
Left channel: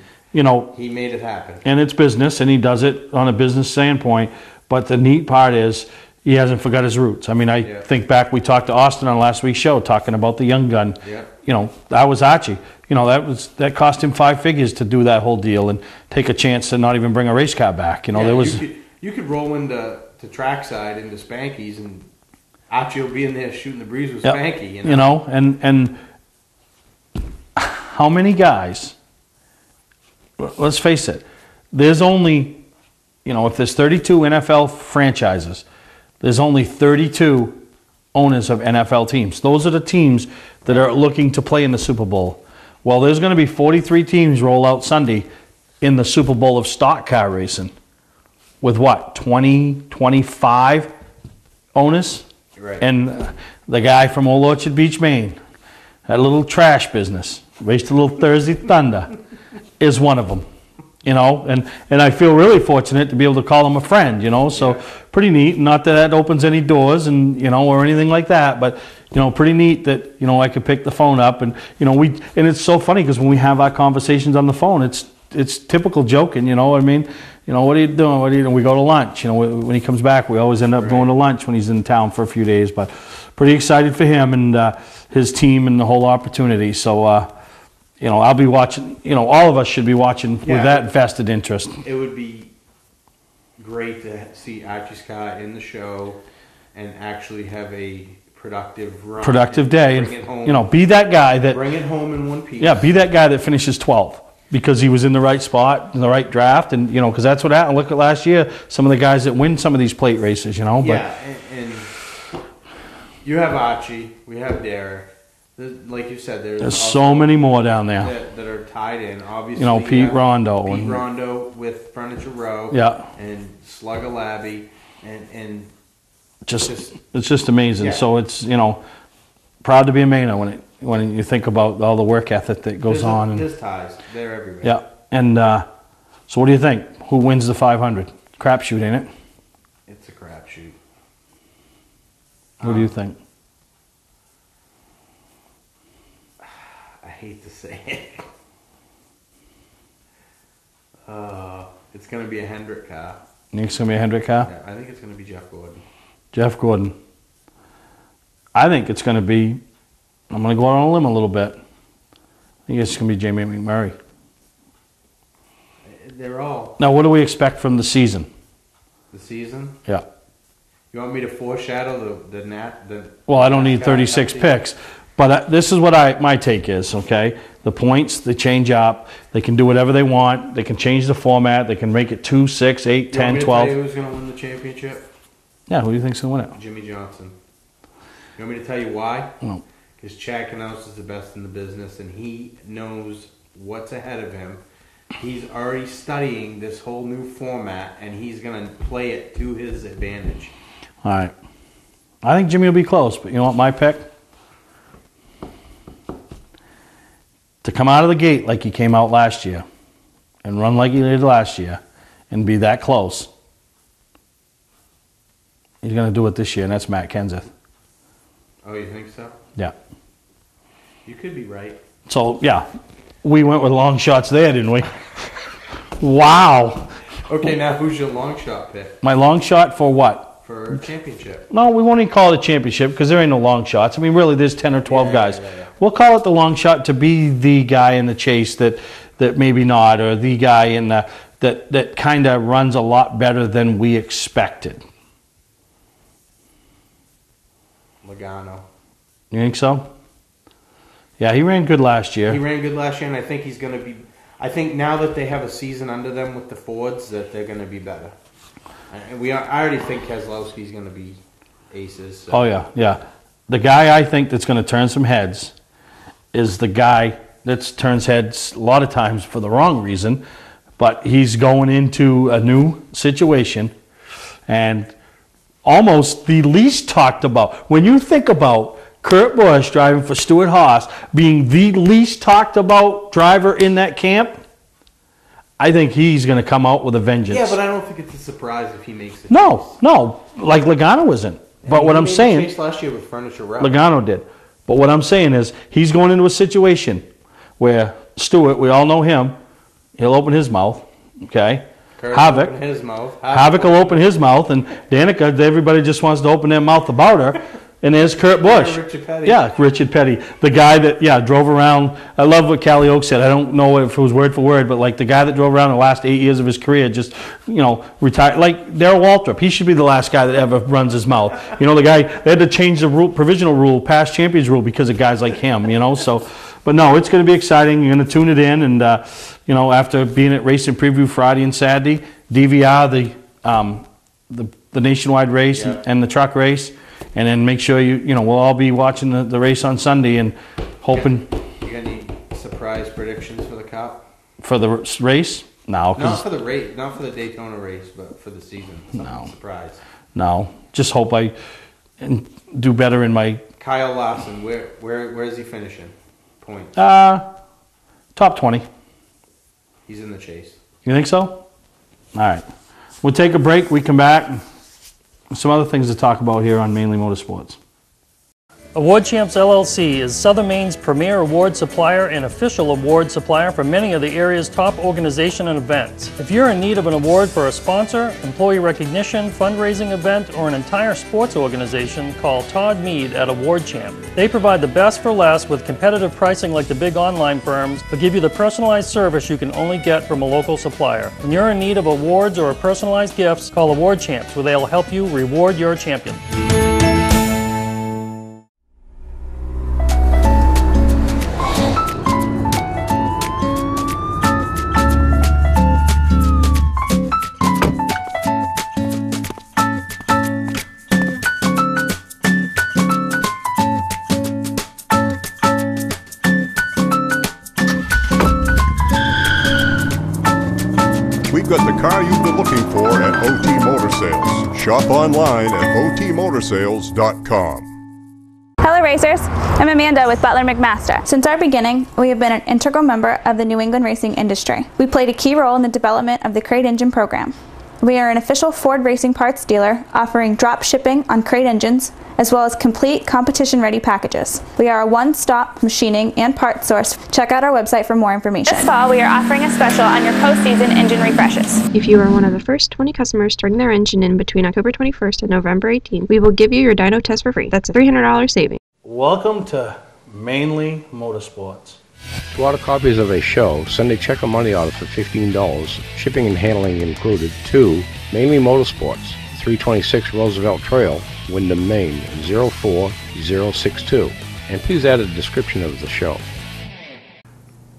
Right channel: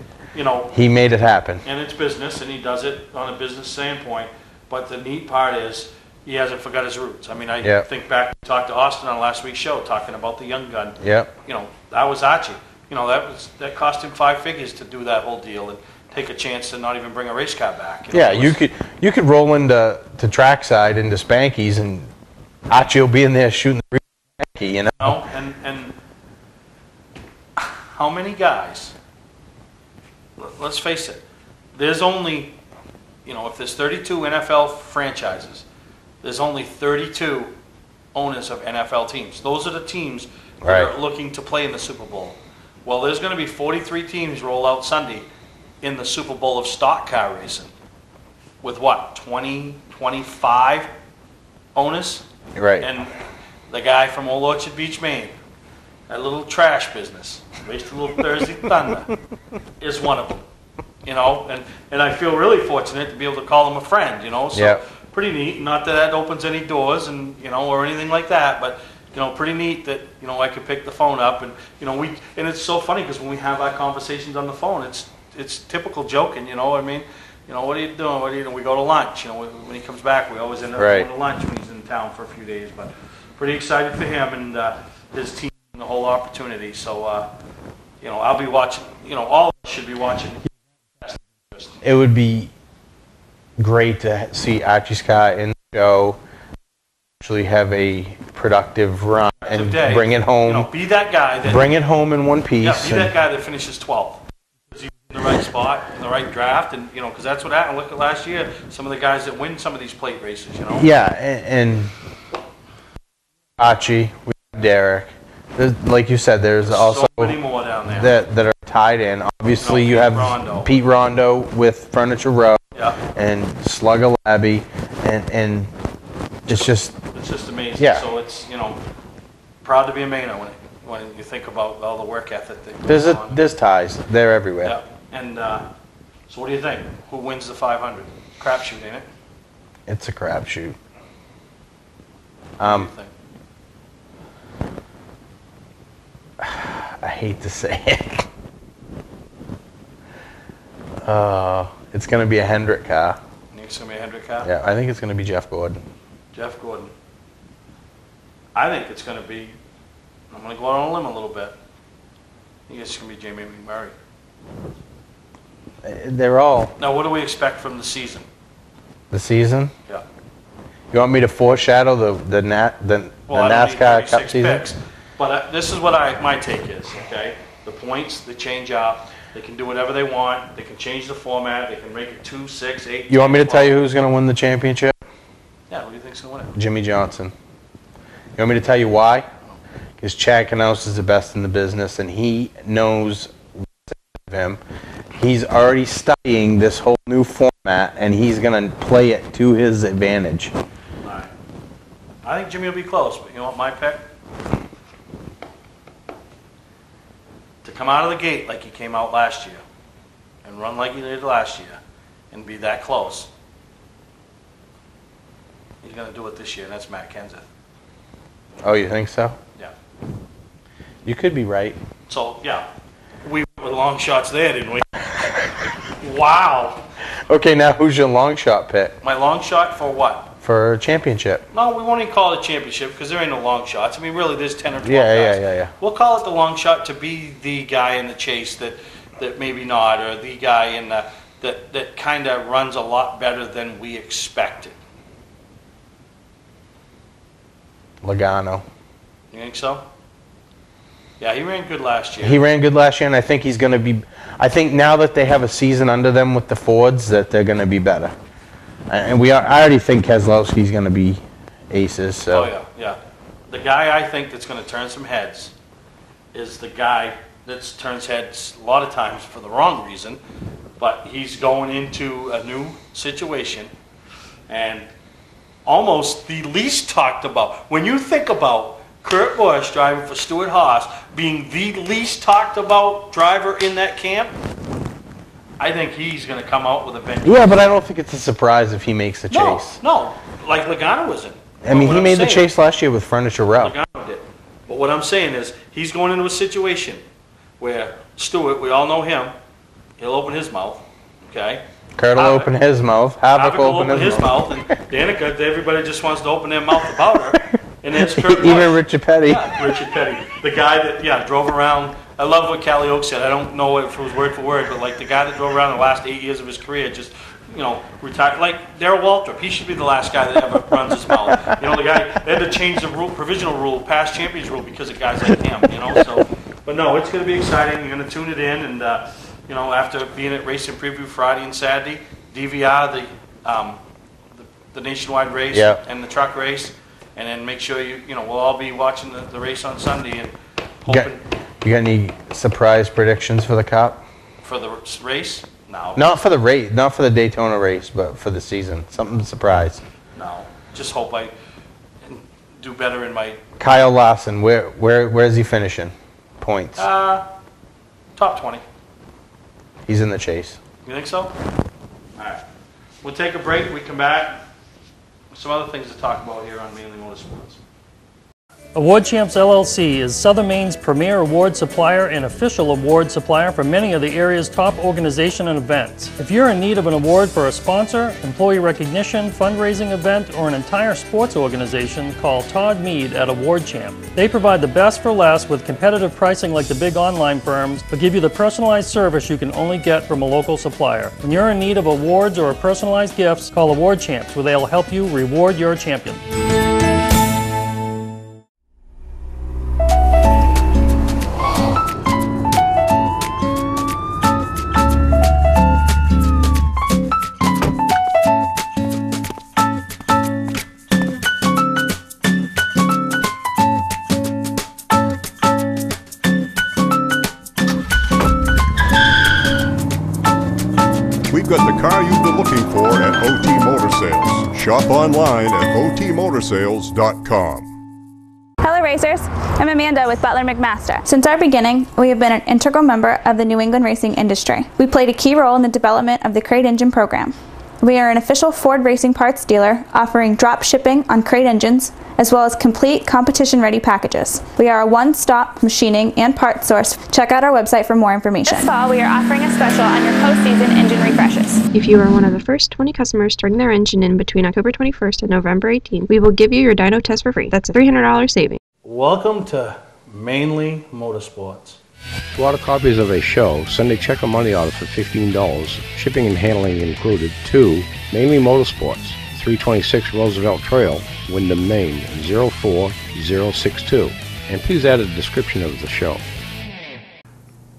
he made it happen. And it's business, and he does it on a business standpoint. But the neat part is he hasn't forgot his roots. I mean, I think back, we talked to Austin on last week's show talking about the young gun. Yeah. You know, that was Archie. You know, that cost him 5 figures to do that whole deal and take a chance to not even bring a race car back. You know, you could roll into trackside into Spanky's, and Archie will be in there shooting the breeze with Spanky. You know, and how many guys? Let's face it. There's only, if there's 32 NFL franchises, there's only 32 owners of NFL teams. Those are the teams that are looking to play in the Super Bowl. Well, there's going to be 43 teams roll out Sunday in the Super Bowl of stock car racing with what, 20, 25 owners? Right. And the guy from Old Orchard Beach, Maine, that little trash business, raced a little Thursday Thunder, is one of them. And I feel really fortunate to be able to call him a friend, so pretty neat. Not that that opens any doors and, or anything like that, but pretty neat that, I could pick the phone up and, and it's so funny because when we have our conversations on the phone, it's typical joking, what I mean? What are you doing? What are you doing? We go to lunch. When he comes back, we always end up going to lunch when he's in town for a few days. But pretty excited for him and his team and the whole opportunity. So, I'll be watching. All of us should be watching with that vested interest. It would be great to see Archie's car in the show and actually have a productive run. Productive day. Bring it home. Be that guy that... Bring it home in one piece. Yeah, be that guy that finishes 12th because he was in the right spot, in the right draft, and, because that's what happened. Look at last year, some of the guys that win some of these plate races, Yeah, and you have Archie, we have Derek. Like you said, there's also so many more down there that are tied in. Obviously, you Pete have Rondo. Pete Rondo with Furniture Row, and Slugger Labby, and it's just amazing. Yeah. So it's proud to be a Mainer when you think about all the work ethic that goes on. There's ties. They're everywhere. Yeah, and so what do you think? Who wins the 500? Crapshoot, ain't it? It's a crapshoot. What do you think? I hate to say it. It's going to be a Hendrick car. You think it's going to be a Hendrick car? Yeah, I think it's going to be Jeff Gordon. Jeff Gordon. I think it's going to be, I'm going to go on a limb a little bit. I think it's going to be Jamie McMurray. They're all. Now, what do we expect from the season? The season? Yeah. You want me to foreshadow the Well, I don't need NASCAR 36 picks. But this is what my take is, okay? The points, they change up. They can do whatever they want. They can change the format. They can make it 2, 6, 8, 10, 12. You want me to tell you who's going to win the championship? Yeah, who do you think's going to win it? Jimmy Johnson. You want me to tell you why? No. Because Chad Knaus is the best in the business, and he knows what's ahead of him. He's already studying this whole new format, and he's going to play it to his advantage. All right. I think Jimmy will be close, but you know what my pick? To come out of the gate like he came out last year and run like he did last year and be that close, He's going to do it this year, and that's Matt Kenseth. Oh, you think so? Yeah. You could be right. So, yeah, we went with long shots there, didn't we? Wow. Okay, now who's your long shot pick? My long shot for what? For a championship. No, we won't even call it a championship because there ain't no long shots. I mean, really, there's 10 or 12 guys. Yeah. We'll call it the long shot to be the guy in the chase that maybe not, or the guy in that kind of runs a lot better than we expected. Logano. You think so? Yeah, he ran good last year. He ran good last year, and I think he's going to be. I think now that they have a season under them with the Fords, that they're going to be better. And I already think Keselowski's going to be aces. So. Oh yeah. The guy I think that's going to turn some heads is the guy that turns heads a lot of times for the wrong reason, but he's going into a new situation, and almost the least talked about. When you think about Kurt Busch driving for Stewart Haas being the least talked about driver in that camp, I think he's going to come out with a vengeance. Yeah, but I don't think it's a surprise if he makes the chase. No, like Logano wasn't. I mean, he made the chase last year with Furniture Row. Logano did. But what I'm saying is he's going into a situation where Stewart, we all know him, he'll open his mouth, okay? Kurt will open his mouth. Havoc will open his mouth, and Danica, everybody just wants to open their mouth about her. And there's Kurt Busch. Even Richard Petty. Yeah, Richard Petty. The guy that, drove around. I love what Callie Oak said. I don't know if it was word for word, but like the guy that drove around the last 8 years of his career just, retired. Like Darrell Waltrip. He should be the last guy that ever runs his mouth. The guy, they had to change the provisional rule, past champions rule, because of guys like him, So, but no, it's going to be exciting. You're going to tune it in. And, after being at Racing Preview Friday and Saturday, DVR, the nationwide race and the truck race. And then make sure we'll all be watching the race on Sunday and hoping. You got any surprise predictions for the Cup? For the race? No. Not for the race, not for the Daytona race, but for the season. Something surprise. No. Just hope I do better in my. Kyle Larson, where is he finishing? Points. Top 20. He's in the chase. You think so? All right. We'll take a break. We come back. Some other things to talk about here on Mainly Motorsports. Award Champs LLC is Southern Maine's premier award supplier and official award supplier for many of the area's top organizations and events. If you're in need of an award for a sponsor, employee recognition, fundraising event, or an entire sports organization, call Todd Mead at Award Champ. They provide the best for less with competitive pricing like the big online firms, but give you the personalized service you can only get from a local supplier. When you're in need of awards or personalized gifts, call Award Champs, where they'll help you reward your champion. We've got the car you've been looking for at OT Motor Sales. Shop online at otmotorsales.com. Hello racers, I'm Amanda with Butler McMaster. Since our beginning, we have been an integral member of the New England racing industry. We played a key role in the development of the crate engine program. We are an official Ford racing parts dealer offering drop shipping on crate engines as well as complete competition-ready packages. We are a one-stop machining and parts source. Check out our website for more information. This fall, we are offering a special on your post-season engine refreshes. If you are one of the first 20 customers turning their engine in between October 21st and November 18th, we will give you your dyno test for free. That's a $300 savings. Welcome to Mainly Motorsports. To order copies of a show, send a check or money order for $15, shipping and handling included, to Mainly Motorsports, 326 Roosevelt Trail, Windham, Maine, 04062. And please add a description of the show.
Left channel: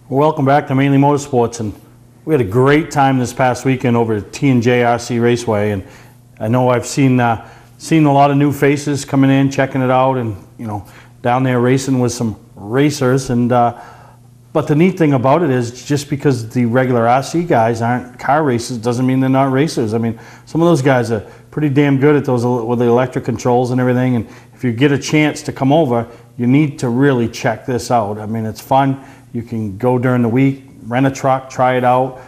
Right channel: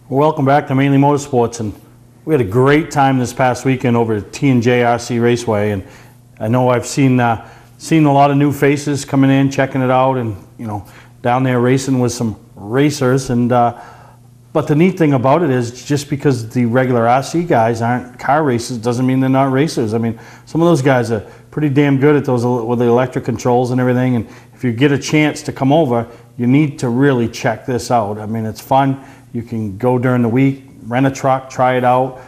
Welcome back to Mainly Motorsports, and we had a great time this past weekend over at T&J RC Raceway, and I know I've seen a lot of new faces coming in, checking it out, and down there racing with some racers. And but the neat thing about it is, just because the regular RC guys aren't car racers doesn't mean they're not racers. I mean, some of those guys are pretty damn good at those with the electric controls and everything. And if you get a chance to come over, you need to really check this out. I mean, it's fun. You can go during the week, rent a truck, try it out.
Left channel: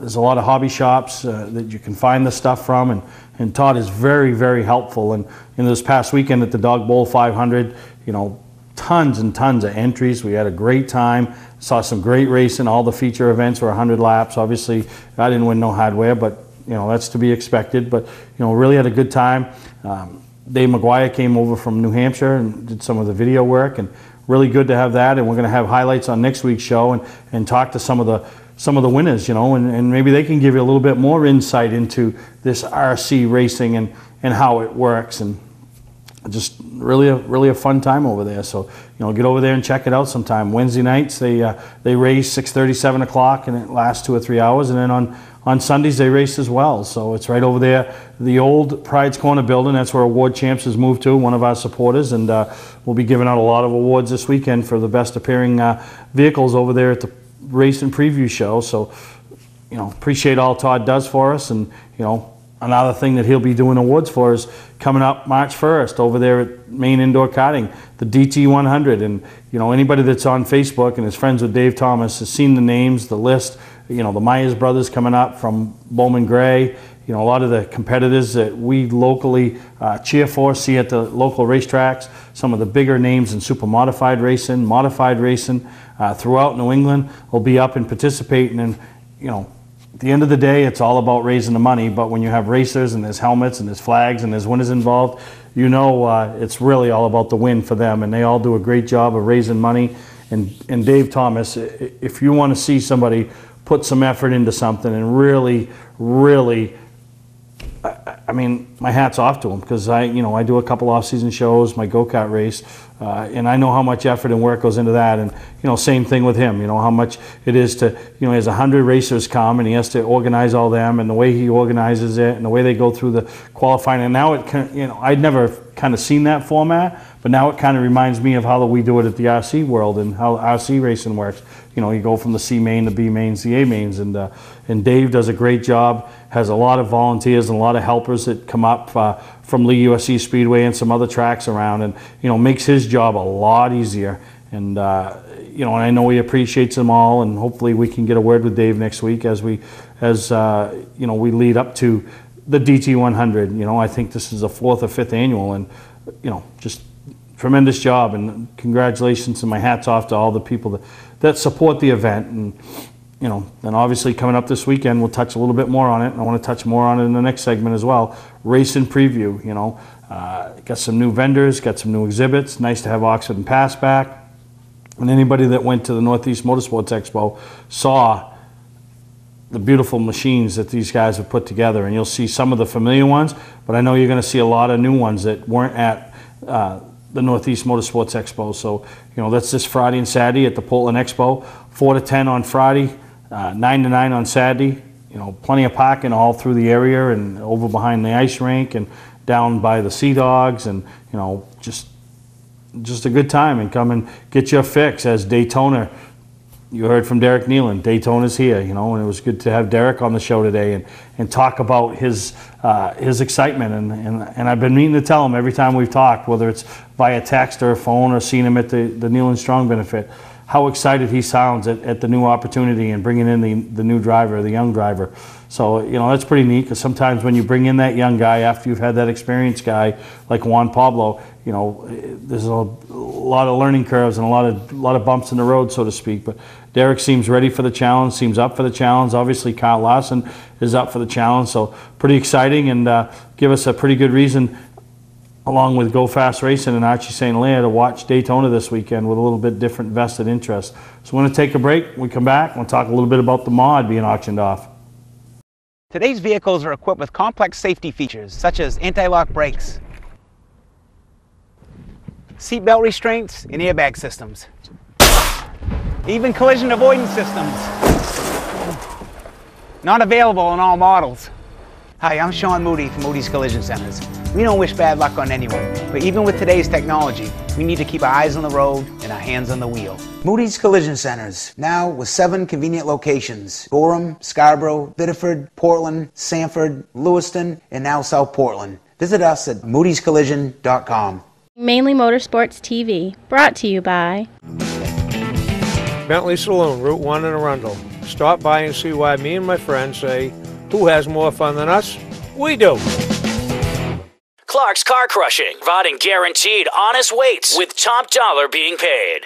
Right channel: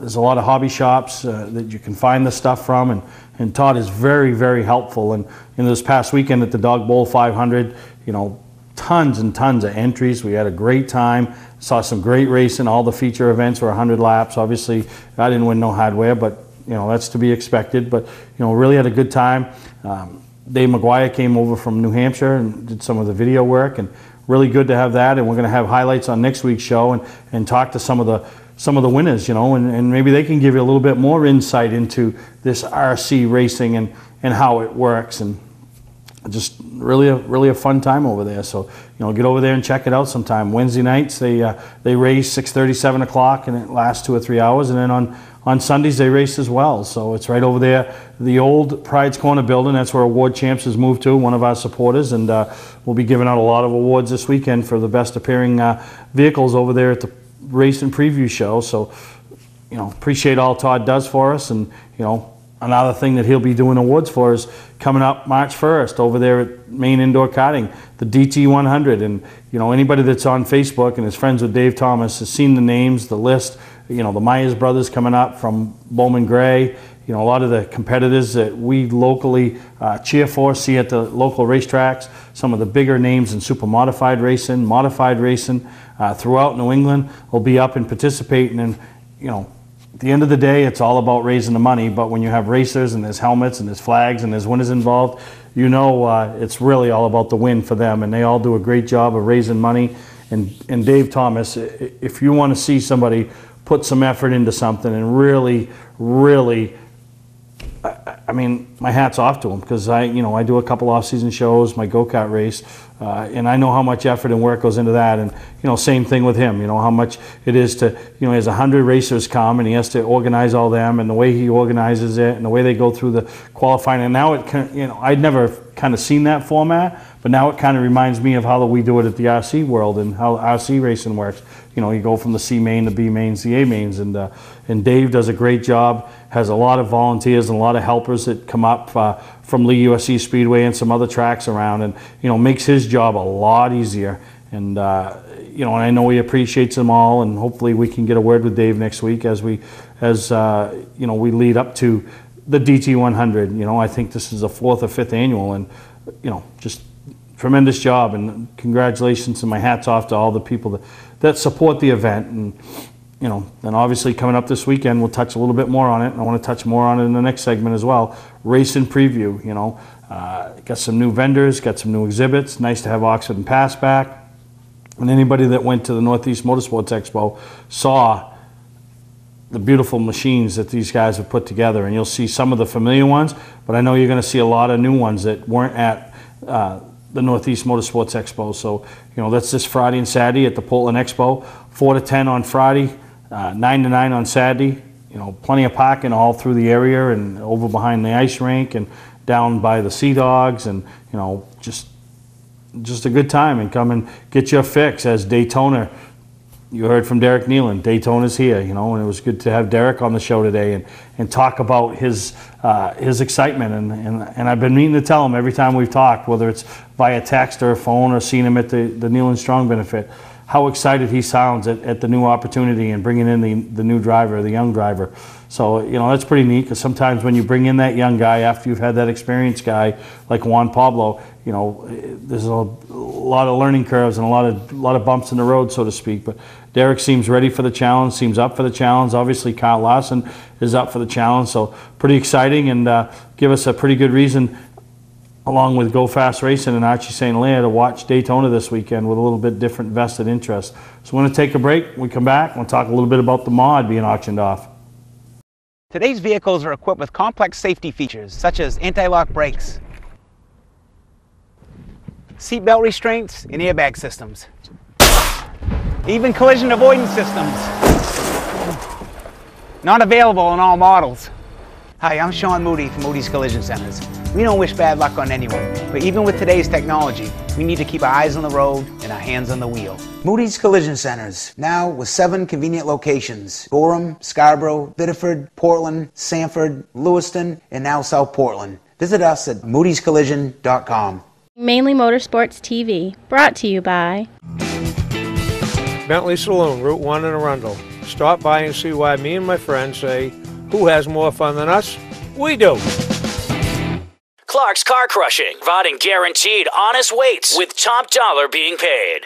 There's a lot of hobby shops that you can find the stuff from, and Todd is very, very helpful. And in this past weekend at the Dog Bowl 500, you know, tons and tons of entries. We had a great time. Saw some great racing. All the feature events were 100 laps. Obviously, I didn't win no hardware, but you know, that's to be expected. But you know, really had a good time. Dave McGuire came over from New Hampshire and did some of the video work, and really good to have that. And we're going to have highlights on next week's show and talk to some of the winners, you know, and maybe they can give you a little bit more insight into this RC racing and how it works. And just really a fun time over there. So, you know, get over there and check it out sometime. Wednesday nights they race 6:30, 7 o'clock, and it lasts 2 or 3 hours. And then on Sundays they race as well. So it's right over there, the old Pride's Corner building. That's where Award Champs has moved to, one of our supporters. And we'll be giving out a lot of awards this weekend for the best appearing vehicles over there at the race and preview show. So, you know, appreciate all Todd does for us. And, you know, another thing that he'll be doing awards for is coming up March 1st over there at Maine Indoor Karting, the DT 100. And, you know, anybody that's on Facebook and is friends with Dave Thomas has seen the names, the list. You know, the Myers brothers coming up from Bowman Gray. You know, a lot of the competitors that we locally cheer for, see at the local racetracks. Some of the bigger names in super modified racing throughout New England will be up and participating. And, you know, at the end of the day, it's all about raising the money. But when you have racers and there's helmets and there's flags and there's winners involved, you know, it's really all about the win for them. And they all do a great job of raising money. And Dave Thomas, if you want to see somebody put some effort into something and really, I mean, my hat's off to him, because I do a couple off-season shows, my go-kart race, and I know how much effort and work goes into that. And, you know, same thing with him, you know, how much it is to, you know, he has 100 racers come and he has to organize all them, and the way he organizes it and the way they go through the qualifying. And now it, you know, I'd never kind of seen that format, but now it kind of reminds me of how we do it at the RC world and how RC racing works. You know, you go from the C main, the B mains, the A mains, and Dave does a great job, has a lot of volunteers and a lot of helpers that come up from Lee USC Speedway and some other tracks around, and, you know, makes his job a lot easier. And, you know, and I know he appreciates them all, and hopefully we can get a word with Dave next week as you know, we lead up to the DT 100. You know, I think this is the 4th or 5th annual, and, you know, just tremendous job, and congratulations, and my hat's off to all the people that support the event. And, you know, and obviously coming up this weekend, we'll touch a little bit more on it, and I want to touch more on it in the next segment as well. Race and preview, you know, got some new vendors, got some new exhibits. Nice to have Oxford and Pass back. And anybody that went to the Northeast Motorsports Expo saw the beautiful machines that these guys have put together, and you'll see some of the familiar ones, but I know you're going to see a lot of new ones that weren't at the Northeast Motorsports Expo. So, you know, that's this Friday and Saturday at the Portland Expo, 4 to 10 on Friday, 9 to 9 on Saturday. You know, plenty of parking all through the area and over behind the ice rink and down by the Sea Dogs, and, you know, just a good time. And come and get your fix as Daytona. You heard from Derek Nealon. Daytona's here, you know, and it was good to have Derek on the show today and talk about his excitement. And I've been meaning to tell him every time we've talked, whether it's via text or phone or seen him at the Nealon Strong benefit, how excited he sounds at the new opportunity and bringing in the new driver, the young driver. So, you know, that's pretty neat, because sometimes when you bring in that young guy after you've had that experienced guy like Juan Pablo, you know, there's a lot of learning curves and a lot of bumps in the road, so to speak. But Derek seems ready for the challenge, seems up for the challenge. Obviously, Kyle Larson is up for the challenge, so pretty exciting, and give us a pretty good reason, along with Go Fast Racing and Archie St. Lair, to watch Daytona this weekend with a little bit different vested interest. So we're going to take a break. When we come back, we'll talk a little bit about the mod being auctioned off. Today's vehicles are equipped with complex safety features such as anti-lock brakes, seatbelt restraints, and airbag systems, even collision avoidance systems. Not available in all models. Hi, I'm Sean Moody from Moody's Collision Centers. We don't wish bad luck on anyone, but even with today's technology, we need to keep our eyes on the road and our hands on the wheel. Moody's Collision Centers, now with 7 convenient locations: Gorham, Scarborough, Biddeford, Portland, Sanford, Lewiston, and now South Portland. Visit us at moodyscollision.com. Mainly Motorsports TV, brought to you by Bentley Saloon, Route 1 in Arundel. Stop by and see why me and my friends say, who has more fun than us? We do. Clark's Car Crushing, providing guaranteed honest weights with top dollar being paid.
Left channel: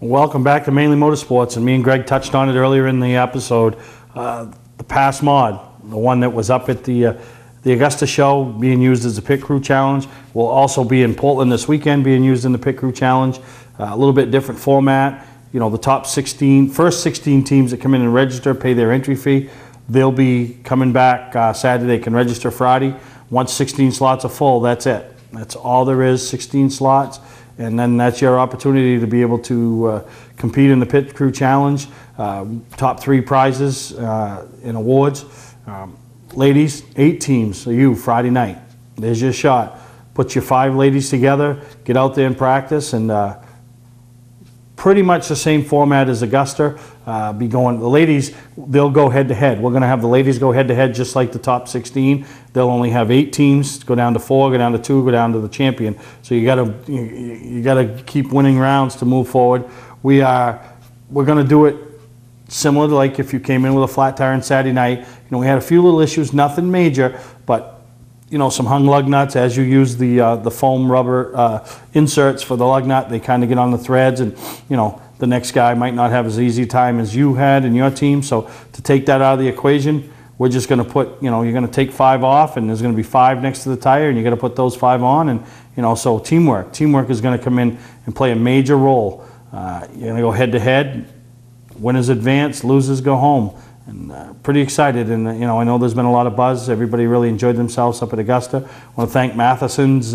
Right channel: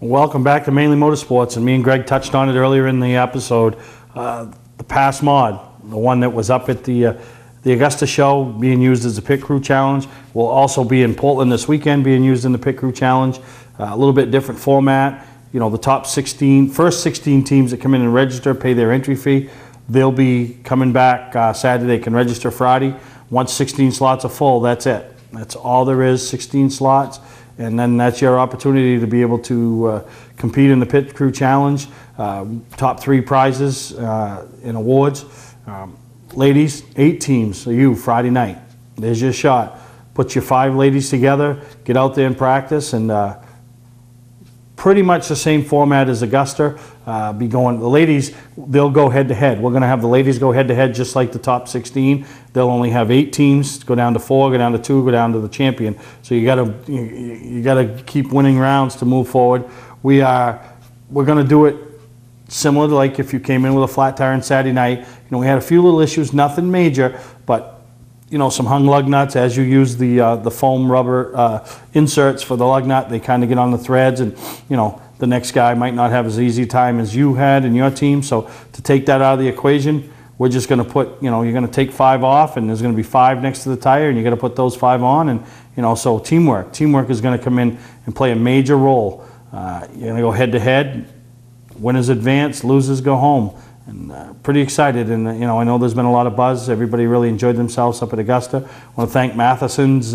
Welcome back to Mainly Motorsports, and me and Greg touched on it earlier in the episode. The Pass Mod, the one that was up at the Augusta show, being used as a Pit Crew Challenge, will also be in Portland this weekend, being used in the Pit Crew Challenge. A little bit different format. You know, the top 16, first 16 teams that come in and register, pay their entry fee. They'll be coming back Saturday. They can register Friday. Once 16 slots are full, that's it. That's all there is, 16 slots. And then that's your opportunity to be able to compete in the Pit Crew Challenge. Top 3 prizes in awards. Ladies, 8 teams. So you, Friday night. There's your shot. Put your 5 ladies together, get out there and practice, and pretty much the same format as Augusta. The ladies, they'll go head to head. We're going to have the ladies go head to head just like the top 16. They'll only have 8 teams, go down to 4, go down to 2, go down to the champion. So you got to keep winning rounds to move forward. We're going to do it similar to like if you came in with a flat tire on Saturday night. You know, we had a few little issues, nothing major, but you know, some hung lug nuts. As you use the foam rubber inserts for the lug nut, they kind of get on the threads, and you know, the next guy might not have as easy time as you had in your team. So to take that out of the equation, we're just going to put, you know, you're going to take 5 off, and there's going to be 5 next to the tire, and you got to put those 5 on, and you know, so teamwork is going to come in and play a major role. You're going to go head to head. Winners advance, losers go home. And pretty excited, and you know, I know there's been a lot of buzz. Everybody really enjoyed themselves up at Augusta. I want to thank Matheson's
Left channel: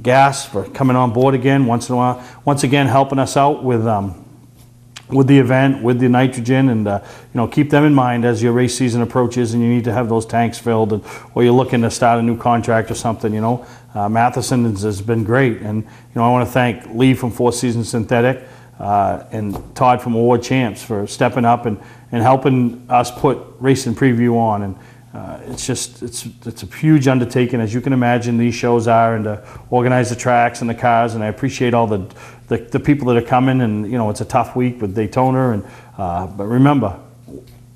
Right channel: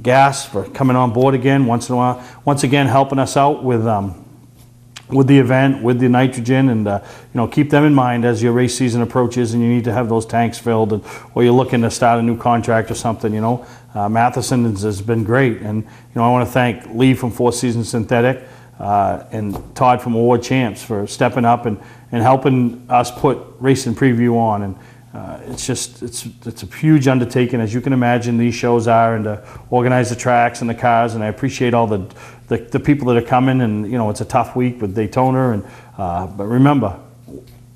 Gas for coming on board again once in a while. Once again, helping us out with the event, with the nitrogen, and you know, keep them in mind as your race season approaches, and you need to have those tanks filled, or you're looking to start a new contract or something. You know, Matheson has been great, and you know, I want to thank Lee from Four Seasons Synthetic. And Todd from Award Champs for stepping up and helping us put Racing Preview on. And it's a huge undertaking, as you can imagine, these shows are, and to organize the tracks and the cars. And I appreciate all the people that are coming. And you know, it's a tough week with Daytona. And but remember,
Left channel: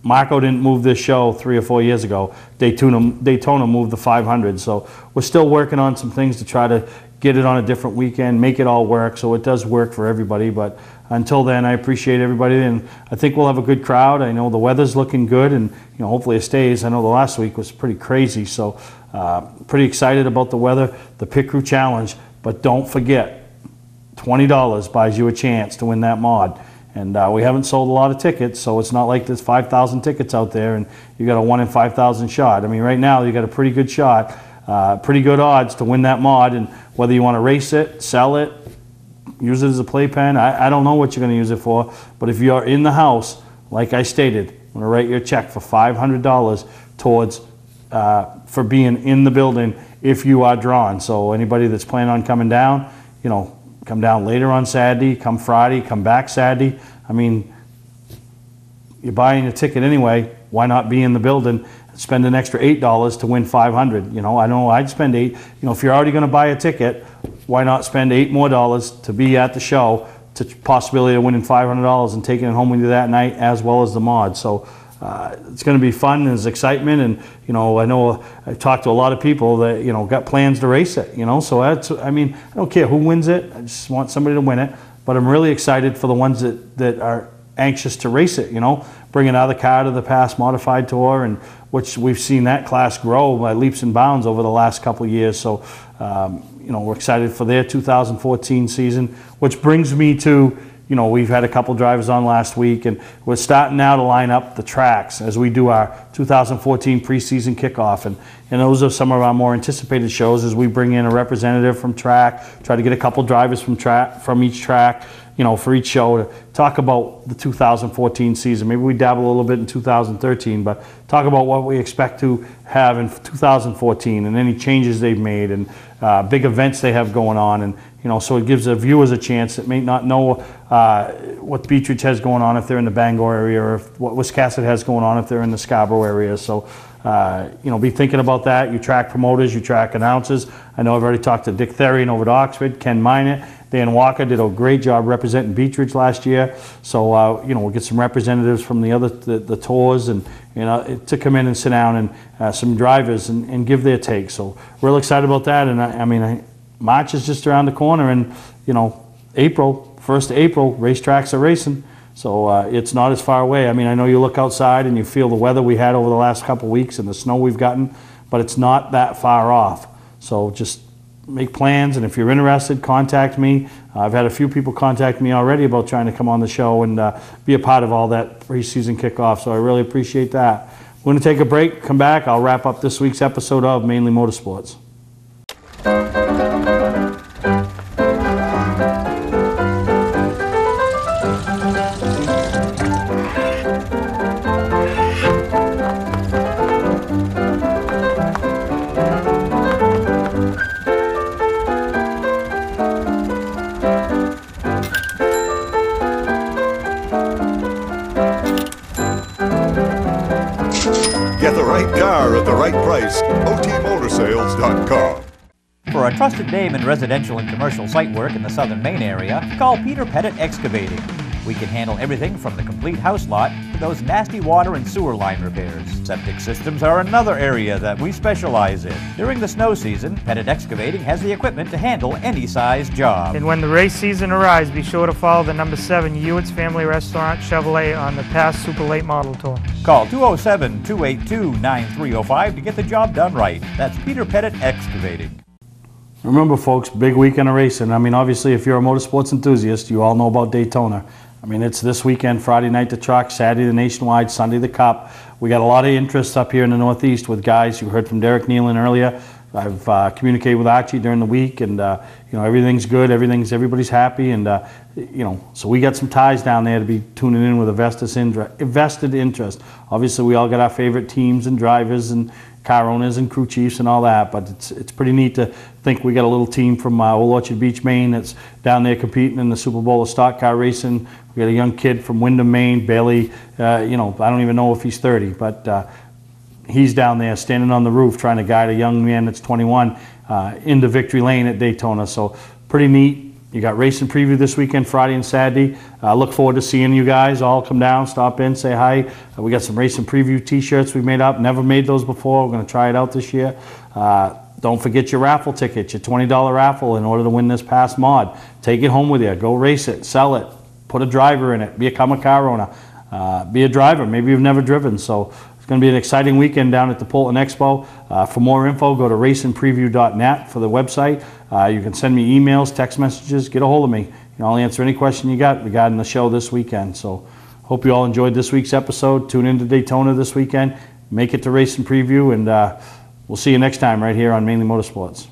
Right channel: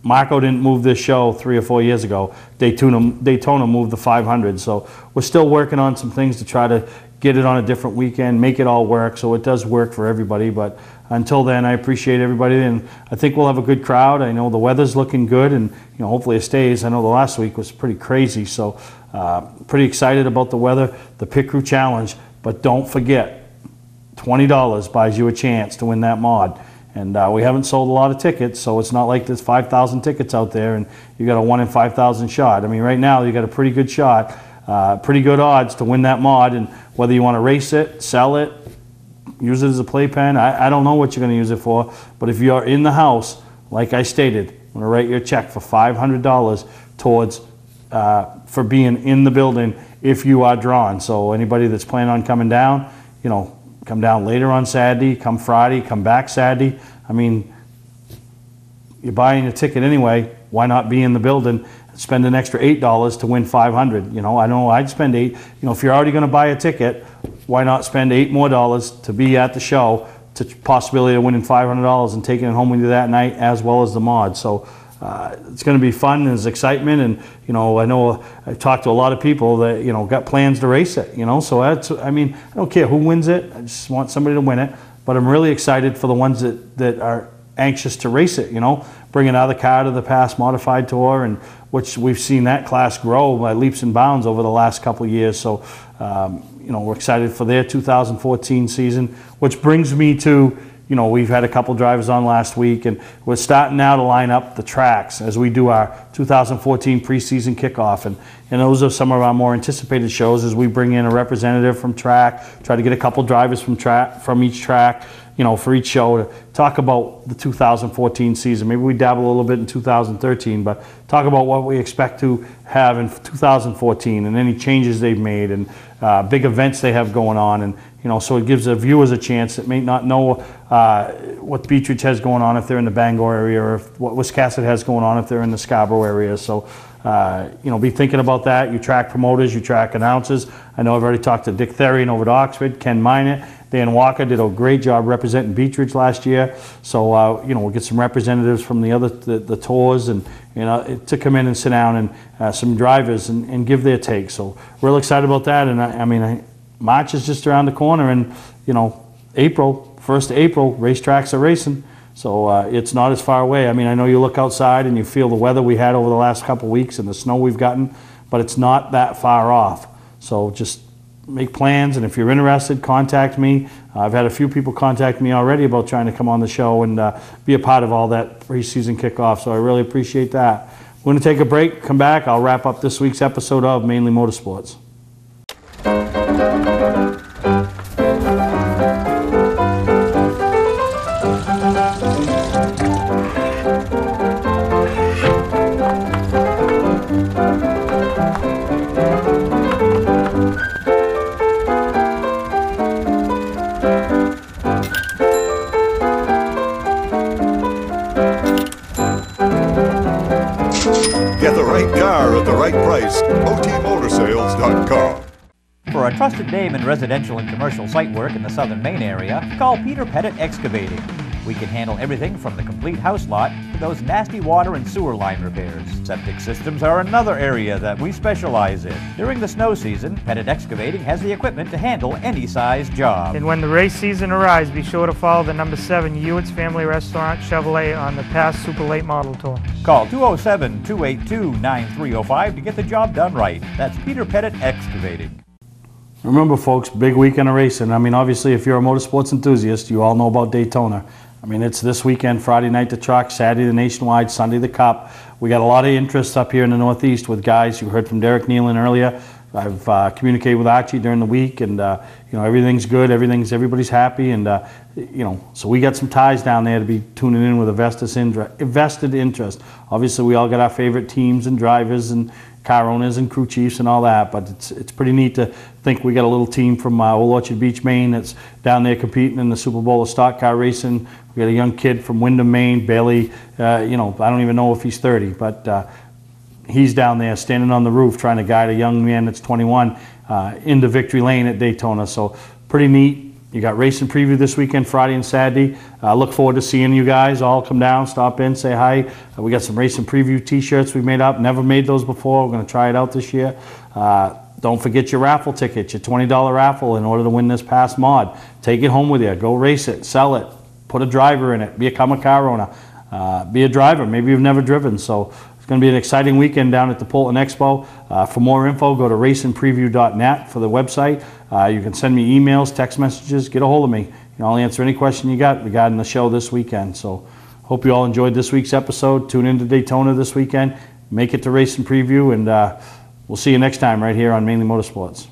Marco didn't move this show 3 or 4 years ago. Daytona moved the 500. So we're still working on some things to try to get it on a different weekend, make it all work so it does work for everybody. But until then, I appreciate everybody, and I think we'll have a good crowd. I know the weather's looking good, and you know, hopefully it stays. I know the last week was pretty crazy, so pretty excited about the weather, the Pit Crew Challenge. But don't forget, $20 buys you a chance to win that mod. And we haven't sold a lot of tickets, so it's not like there's 5,000 tickets out there and you got a 1 in 5,000 shot. I mean, right now you got a pretty good shot, pretty good odds to win that mod. And whether you want to race it, sell it, use it as a playpen, I don't know what you're going to use it for. But if you're in the house, like I stated, I'm going to write you a check for $500 towards for being in the building if you are drawn. So anybody that's planning on coming down, you know, come down later on Saturday, come Friday, come back Saturday. I mean, you're buying a ticket anyway. Why not be in the building and spend an extra $8 to win $500? You know, I know I'd spend $8. You know, if you're already going to buy a ticket, why not spend $8 more to be at the show, to possibility of winning $500 and taking it home with you that night, as well as the mod. So it's going to be fun, and there's excitement, and you know, I've talked to a lot of people that, you know, got plans to race it, you know, so that's, I mean, I don't care who wins it, I just want somebody to win it. But I'm really excited for the ones that are anxious to race it, you know, bring another car to the Pass Modified Tour, and which we've seen that class grow by leaps and bounds over the last couple of years. So you know, we're excited for their 2014 season, which brings me to, you know, we've had a couple drivers on last week, and we're starting now to line up the tracks as we do our 2014 preseason kickoff. And those are some of our more anticipated shows, as we bring in a representative from track, try to get a couple drivers from each track, you know, for each show, to talk about the 2014 season. Maybe we dabble a little bit in 2013, but talk about what we expect to have in 2014 and any changes they've made, and big events they have going on. And you know, so it gives the viewers a chance that may not know what Beechridge has going on if they're in the Bangor area, or if, what Wiscasset has going on if they're in the Scarborough area. So you know, be thinking about that. You track promoters, you track announcers. I know I've already talked to Dick Therian over at Oxford, Ken Minot, Dan Walker did a great job representing Beech Ridge last year. So, you know, we'll get some representatives from the tours and, you know, to come in and sit down and some drivers and give their take. So real excited about that. And I mean, March is just around the corner, and, you know, April, 1st of April, racetracks are racing. So it's not as far away. I mean, I know you look outside and you feel the weather we had over the last couple of weeks and the snow we've gotten, but it's not that far off. So just make plans, and if you're interested, contact me. I've had a few people contact me already about trying to come on the show and be a part of all that preseason kickoff, so I really appreciate that. We're going to take a break, come back, I'll wrap up this week's episode of Mainly Motorsports. Get the right car at the right price. OTMotorsales.com. For a trusted name in residential and commercial site work in the southern Maine area, call Peter Pettit Excavating. We can handle everything from the complete house lot to those nasty water and sewer line repairs. Septic systems are another area that we specialize in. During the snow season, Pettit Excavating has the equipment to handle any size job. And when the race season arrives, be sure to follow the number 7 Hewitt's Family Restaurant Chevrolet on the past Super Late Model Tour. Call 207-282-9305 to get the job done right. That's Peter Pettit Excavating. Remember, folks, big weekend of racing. I mean, obviously, if you're a motorsports enthusiast, you all know about Daytona. I mean, it's this weekend, Friday night the truck, Saturday the Nationwide, Sunday the Cup. We got a lot of interest up here in the Northeast with guys. You heard from Derek Nealon earlier. I've communicated with Archie during the week, and you know, everything's good. Everybody's happy, and you know, so we got some ties down there to be tuning in with a vested interest. Obviously, we all got our favorite teams and drivers and car owners and crew chiefs and all that, but it's pretty neat to think we got a little team from Old Orchard Beach, Maine that's down there competing in the Super Bowl of stock car racing. We got a young kid from Windham, Maine, Bailey, you know, I don't even know if he's 30, but he's down there standing on the roof trying to guide a young man that's 21 into victory lane at Daytona. So pretty neat. You got racing preview this weekend, Friday and Saturday. Look forward to seeing you guys all come down, stop in, say hi. We got some racing preview t-shirts we made up. Never made those before. We're going to try it out this year. Don't forget your raffle ticket, your $20 raffle in order to win this past mod. Take it home with you. Go race it, sell it, put a driver in it, become a car owner, be a driver. Maybe you've never driven. So it's going to be an exciting weekend down at the Polton Expo. For more info, go to racingpreview.net for the website. You can send me emails, text messages, get a hold of me. I'll answer any question you got regarding the show this weekend. So hope you all enjoyed this week's episode. Tune into Daytona this weekend. Make it to Racing Preview, and we'll see you next time right here on Mainly Motorsports.